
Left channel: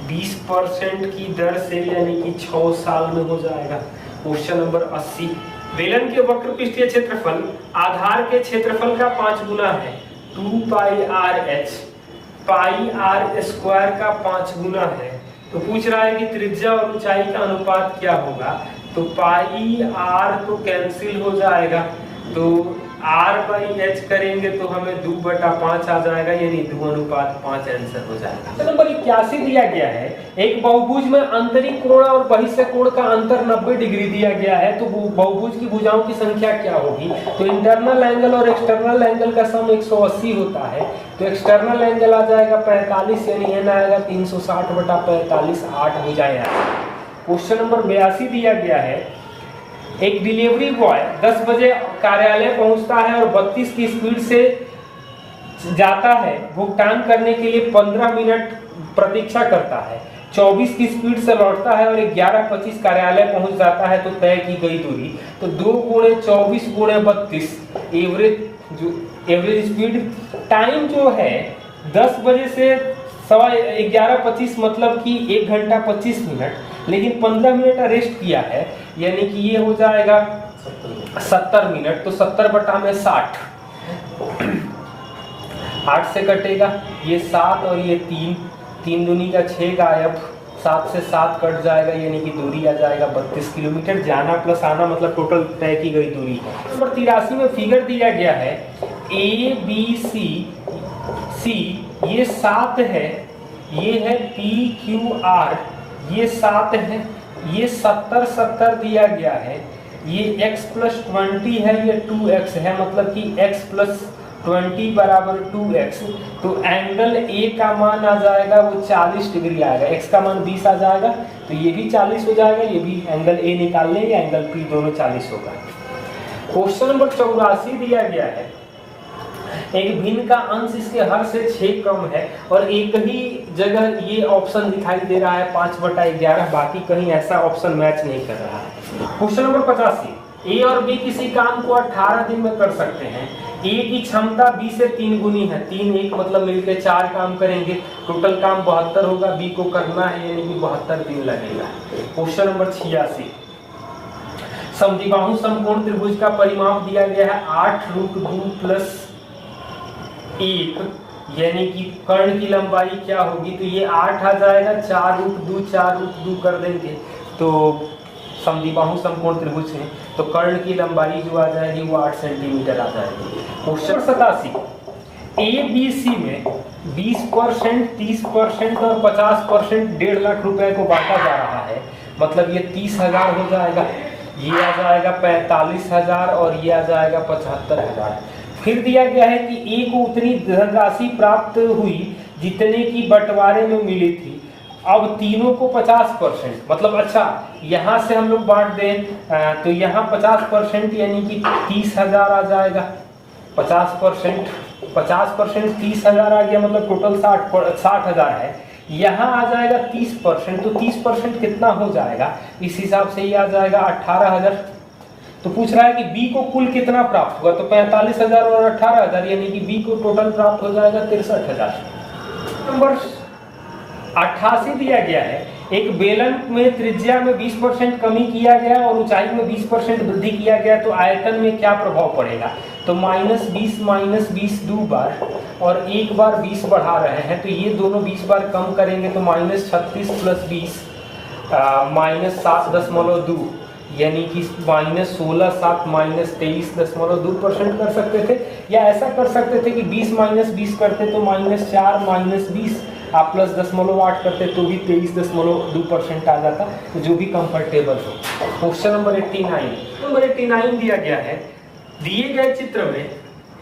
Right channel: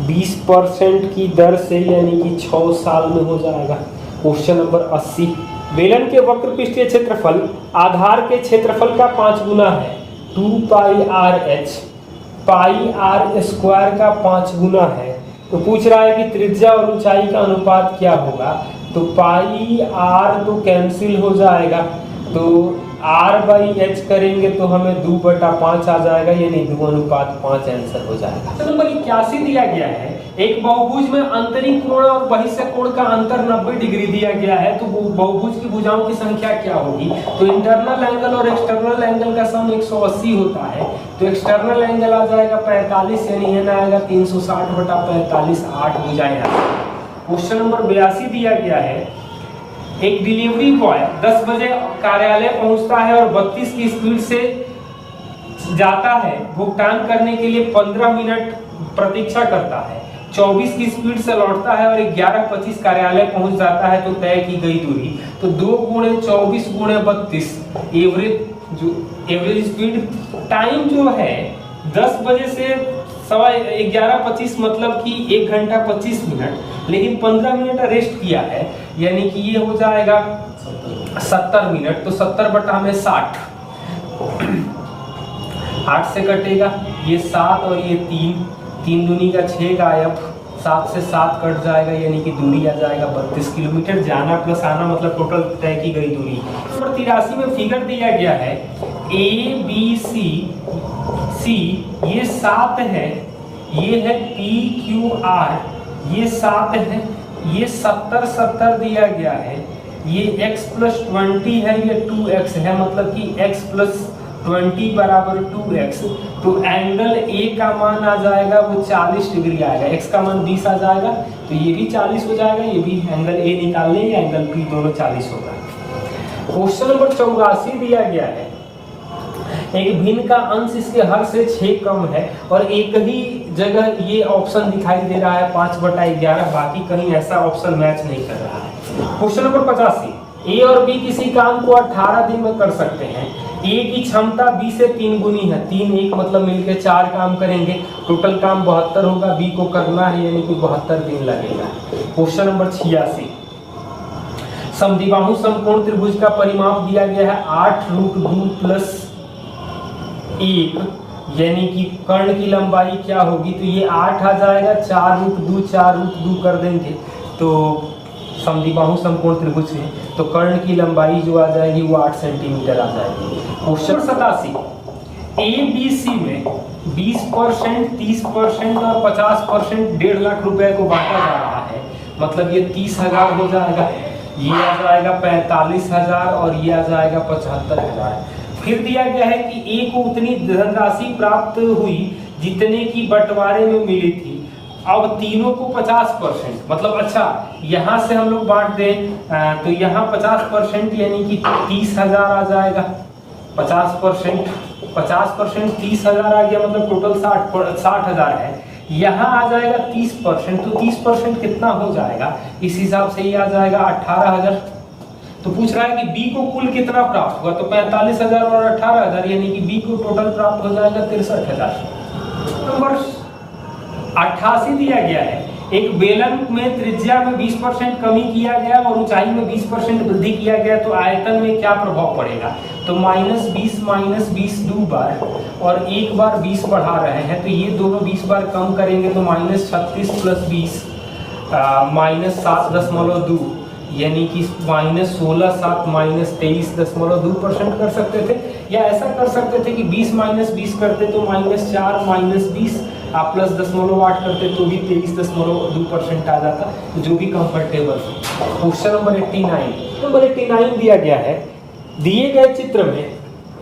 20% की दर से, यानी कि 6 साल में हो जाएगा। क्वेश्चन नंबर 80, बेलन के वक्र पृष्ठीय क्षेत्रफल आधार के क्षेत्रफल का 5 गुना है, 2πrh, πr स्क्वायर का 5 गुना है, तो पूछ रहा है कि त्रिज्या और ऊंचाई का अनुपात क्या होगा, तो पाई आर तो कैंसिल हो जाएगा, तो r/h करेंगे तो हमें 2/5 आ जाएगा, यानी 2:5 आंसर हो जाएगा। तो नंबर 81 दिया गया है एक बहुभुज में आंतरिक कोण और बहिष्ठ कोण का अंतर 90 डिग्री दिया गया है, तो बहुभुज की भुजाओं की संख्या क्या होगी, तो इंटरनल एंगल और एक्सटर्नल एंगल का सम 180 होता है, तो एक्सटर्नल एंगल आ जाएगा 45, यानी n आएगा 360/45, 8 भुजाएं आएंगी। क्वेश्चन नंबर 82 दिया गया है एक डिलीवरी बॉय 10 बजे कार्यालय पहुंचता है और 32 की स्पीड से जाता है, भुगतान करने के लिए 15 मिनट प्रतीक्षा करता है, 24 की स्पीड से लौटता है और 11:25 कार्यालय पहुंच जाता है तो तय की गई दूरी, तो 2 × 24 × 32 एवरेज स्पीड टाइम जो है 10 बजे से 11:25 मतलब कि 1 घंटा 25 मिनट, लेकिन 15 मिनट रेस्ट किया है, यानी कि ये हो जाएगा 70 मिनट। तो 70/60, 8 से कटेगा, ये 7 और ये 3 दूनी का 6 गायब, 7 से 7 कट जाएगा, यानी कि दूरी आ जाएगा 32 किलोमीटर। जाना प्लस आना मतलब टोटल तय की गई दूरी है। नंबर 83 में फिगर दिया गया है ABC ये 7 है, ये है PQR ये 7 है, ये 70 दिया गया है, ये x + 20 है, ये 2x है, मतलब कि x + 20 = 2x। तो एंगल A का मान आ जाएगा वो 40 डिग्री आएगा, x का मान 20 आ जाएगा, तो ये भी 40 हो जाएगा, ये भी एंगल A निकाल लेंगे, एंगल P दोनों 40 होगा। क्वेश्चन नंबर 84 दिया गया है, एक भिन्न का अंश इसके हर से 6 कम है और एक ही जगह ये ऑप्शन दिखाई दे रहा है 5/11, बाकी कहीं ऐसा ऑप्शन मैच नहीं कर रहा है। क्वेश्चन नंबर 85, ए और बी किसी काम को 18 दिन में कर सकते हैं। ए की क्षमता बी से 3 गुनी है, 3 1 मतलब मिलके 4 काम करेंगे, टोटल काम 72 होगा, बी को करना है यानी कि 72 दिन लगेगा। क्वेश्चन नंबर 86, समद्विबाहु समकोण त्रिभुज का परिमाप दिया गया है 8√2 + 1, यानी कि कर्ण की लंबाई क्या होगी, तो ये 8 आ जाएगा, 4√2 कर देंगे तो समद्विबाहु समकोण त्रिभुज में, तो कर्ण की लंबाई जो आ जाएगी वो 8 सेंटीमीटर आ जाएगी। क्वेश्चन 87, ABC में 20%, 30% और 50% 1.5 लाख रुपए को बांटा जा रहा है, मतलब ये 30,000 हो जाएगा, ये आ जाएगा 45,000 और ये आ जाएगा 75,000। फिर दिया गया है कि ए को उतनी धनराशि प्राप्त हुई जितने की बंटवारे में मिली थी। अब तीनों को 50%, मतलब अच्छा यहाँ से हम लोग बांट दें तो यहाँ 50% यानी कि 30,000 आ जाएगा, 50% 30,000 आ गया, मतलब टोटल 60,000 है। यहाँ आ जाएगा 30%, तो 30% कितना हो जाएगा, इस हिसाब से ये आ जाएगा 18,000। तो पूछ रहा है कि बी को कुल कितना प्राप्त हुआ, तो 45,000 और 18,000 यानी कि बी को टोटल प्राप्त हो जाएगा 63,000। नंबर 88 दिया गया है, एक बेलन में त्रिज्या में 20% कमी किया गया और ऊंचाई में 20% वृद्धि किया गया, तो आयतन में क्या प्रभाव पड़ेगा, तो -20 -20 2 बार और 1 बार 20 बढ़ा रहे हैं, तो ये दोनों 20 बार कम करेंगे तो -36 + 20 -7.2 यानी कि -16 7 -23.2% कर सकते थे, या ऐसा कर सकते थे कि 20 - 20 करते तो -4 -20 आप +0.8 करते तो भी 23.2% आ जाता, तो जो भी कंफर्टेबल। क्वेश्चन नंबर 89 दिया गया है, दिए गए चित्र में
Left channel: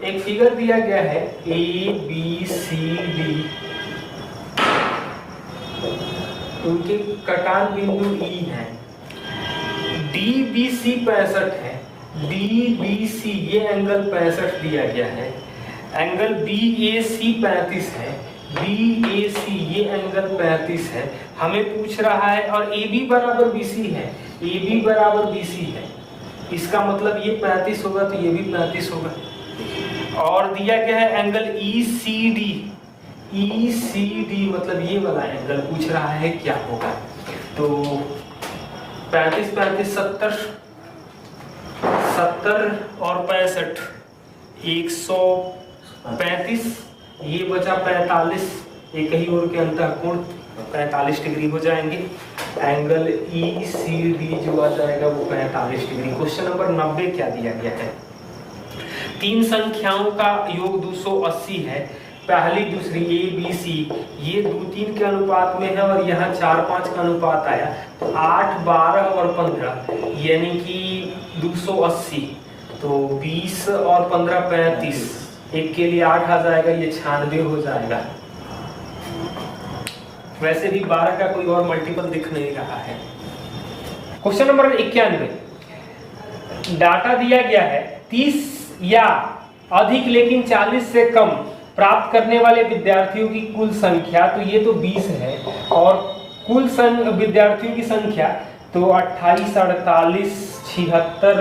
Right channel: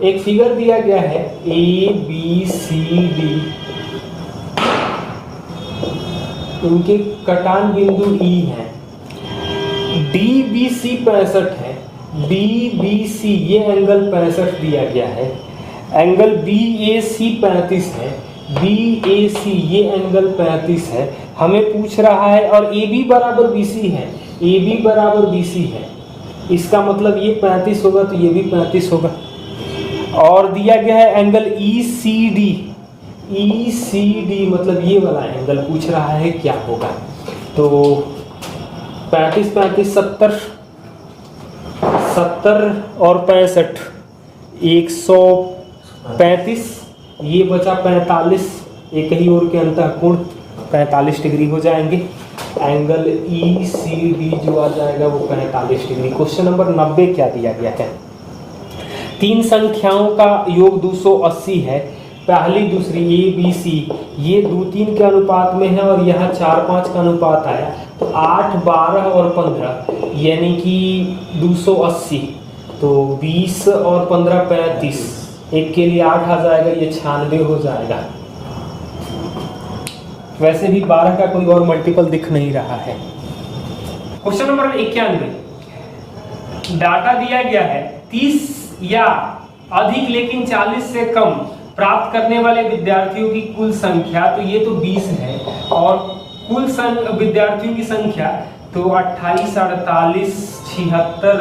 एक फिगर दिया गया है ABCD, उनके कटान बिंदु E है, DBC 65 है, DBC ये एंगल 65 दिया गया है, एंगल BAC 35 है, BAC ये एंगल 35 है, हमें पूछ रहा है, और AB = BC है, AB = BC है, इसका मतलब ये 35 होगा तो ये भी 35 होगा। और दिया गया है एंगल ECD मतलब ये वाला एंगल पूछ रहा है क्या होगा, तो 35 35 70 और 65 135, ये बचा 45, एक ही ओर के अंतःकोण 45 डिग्री हो जाएंगे, एंगल ECD जो आ जाएगा वो 45 डिग्री। क्वेश्चन नंबर 90 क्या दिया गया है, 3 संख्याओं का योग 280 है, पहली दूसरी ABC ये 2-3 के अनुपात में है और यहाँ 4-5 का अनुपात आया, तो 8 12 और 15 यानी कि 280, तो 20 और 15 35, एक के लिए 8 आ जाएगा, ये 96 हो जाएगा। वैसे भी 12 का कोई और मल्टीपल दिख नहीं रहा है। क्वेश्चन नंबर 91, डाटा दिया गया है 30 या अधिक लेकिन 40 से कम प्राप्त करने वाले विद्यार्थियों की कुल संख्या, तो ये तो 20 है, और कुल विद्यार्थियों की संख्या तो 28, 48, 76,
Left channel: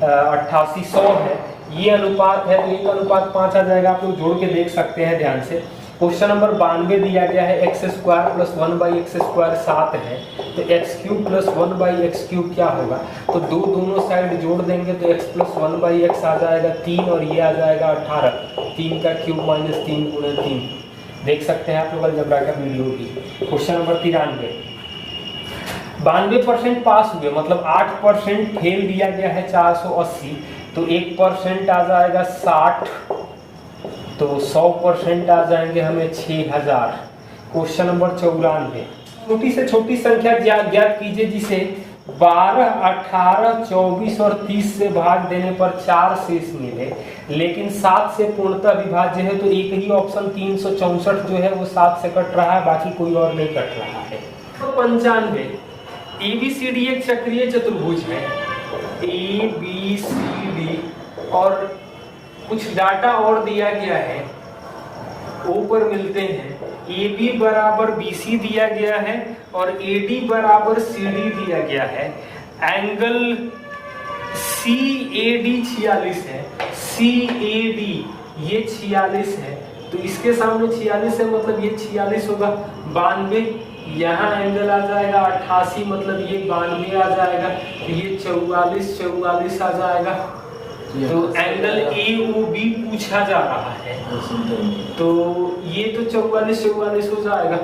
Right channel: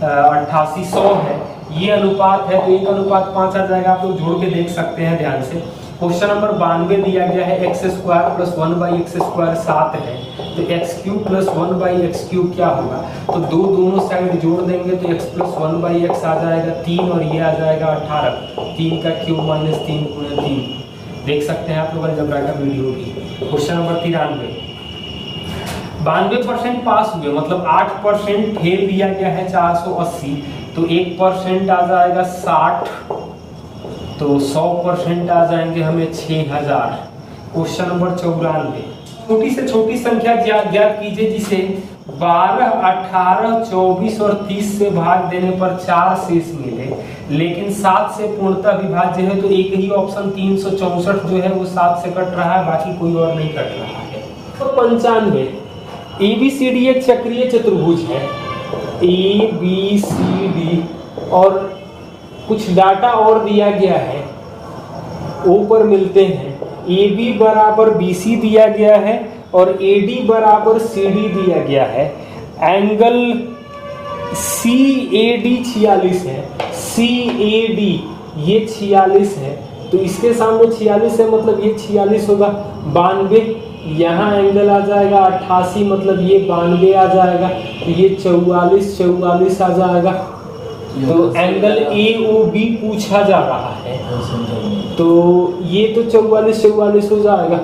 88, 100 है। ये अनुपात है, तो 1:5 आ जाएगा। आप लोग जोड़ के देख सकते हैं ध्यान से। क्वेश्चन नंबर 92 दिया गया है, x² + 1/x² 7 है, तो x³ + 1/x³ क्या होगा? तो दोनों साइड जोड़ देंगे तो x + 1/x आ जाएगा 3, और ये आ जाएगा 18। 3 का क्यूब - 3 × 3 देख सकते हैं आप लोग अलजेब्रा वीडियो की। क्वेश्चन नंबर 93, 92% पास हुए, मतलब 8% फेल दिया गया है 480, तो 1% आ जाएगा 60, तो 100% आ जाएंगे हमें 6000। क्वेश्चन नंबर 94, छोटी से छोटी संख्या ज्ञात कीजिए जिसे 12, 18, 24 और 30 से भाग देने पर 4 शेष मिले, लेकिन 7 से पूर्णतः विभाज्य है। तो एक ही ऑप्शन 364 जो है वो 7 से कट रहा है, बाकी कोई और नहीं कट रहा है। तो 95, ABCD एक चक्रीय चतुर्भुज है, ABCD, और कुछ डाटा और दिया गया है, ऊपर मिलते हैं। AB = BC दिया गया है और AD = CD दिया गया है। एंगल CAD 46 है, CAD ये 46 है, तो इसके सामने 46 है, मतलब ये 46 होगा। 92, यहाँ एंगल आ जाएगा 88, मतलब ये 92 आ जाएगा, तो ये 44 आ जाएगा। तो एंगल AOB पूछा जा रहा है, तो ये तो 44 हो जाएगा,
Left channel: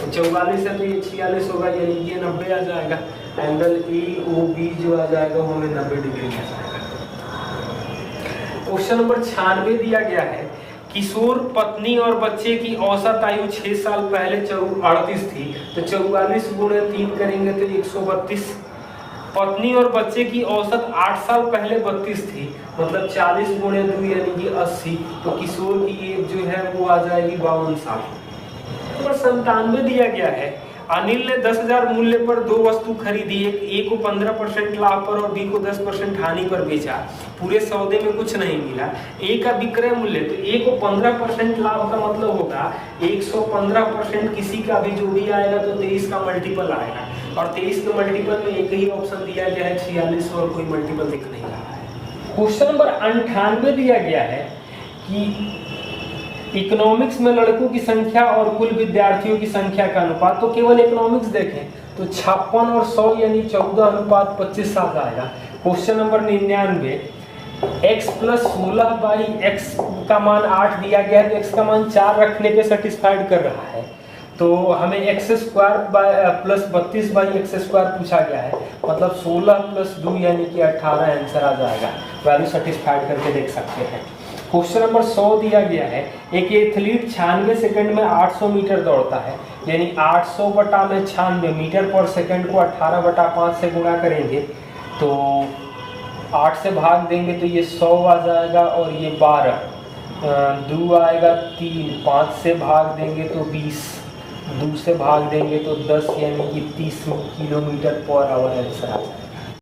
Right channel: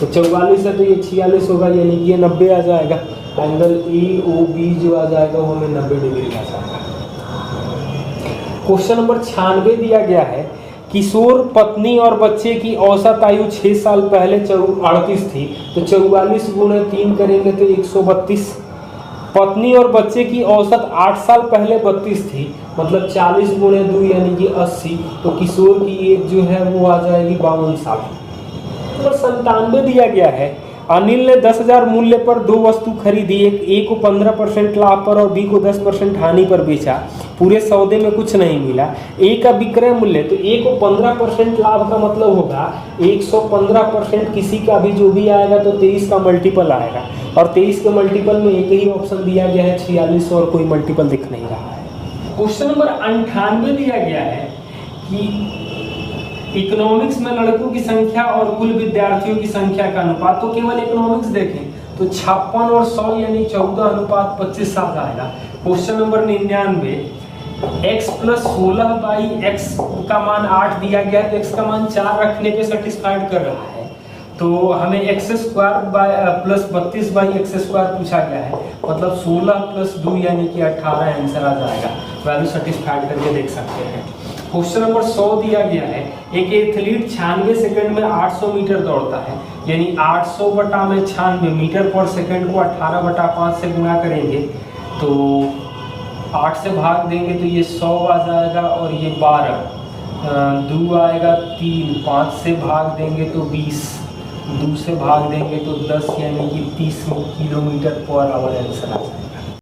तो 44 है तो ये 46 होगा, यानी ये 90 आ जाएगा। एंगल AOB जो आ जाएगा वो हमें 90 डिग्री आ जाएगा। क्वेश्चन नंबर 96 दिया गया है, किशोर पत्नी और बच्चे की औसत आयु 6 साल पहले 38 थी, तो 44 × 3 करेंगे तो 132। पत्नी और बच्चे की औसत 8 साल पहले 32 थी, मतलब 40 × 2 यानी कि 80, तो किशोर की एज जो है वो आ जाएगी 52 साल। नंबर 97 दिया गया है, अनिल ने 10,000 मूल्य पर 2 वस्तु खरीदी, ए को 15% लाभ पर और बी को 10% हानि पर बेचा। पूरे सौदे में कुछ नहीं मिला। ए का विक्रय मूल्य, तो ए को 15% लाभ का मतलब होगा 115%, किसी का भी जो भी आएगा तो 23 का मल्टीपल आएगा, और 23 के मल्टीपल में एक ही ऑप्शन दिया गया है 46, और कोई मल्टीपल दिख नहीं रहा है। क्वेश्चन नंबर 98 दिया गया है कि इकोनॉमिक्स में लड़कों की संख्या और कुल विद्यार्थियों की संख्या का अनुपात, तो केवल इकोनॉमिक्स देखें तो 56 और 100 यानी 14:25 आ जाएगा। क्वेश्चन नंबर 99, x + 16/x का मान 8 दिया गया है, तो x का मान 4 रखने पे सेटिस्फाइड कर रहा है, तो हमें x² + 32/x² पूछा गया है, मतलब 16 + 2 यानी कि 18 आंसर आ जाएगा। वैल्यू सेटिस्फाइड करके देख सकते हैं। क्वेश्चन नंबर 100 दिया गया है, एक एथलीट 96 सेकंड में 800 मीटर दौड़ता है, यानी 800/96 मीटर पर सेकंड को 18/5 से गुणा करेंगे, तो 8 से भाग देंगे तो ये 100 आ जाएगा, और ये 12, 2 आएगा 3, 5 से भाग देंगे तो 20, 2 से भाग देंगे तो 10, यानी कि 30 किलोमीटर पर आवर आंसर आ जाएगा।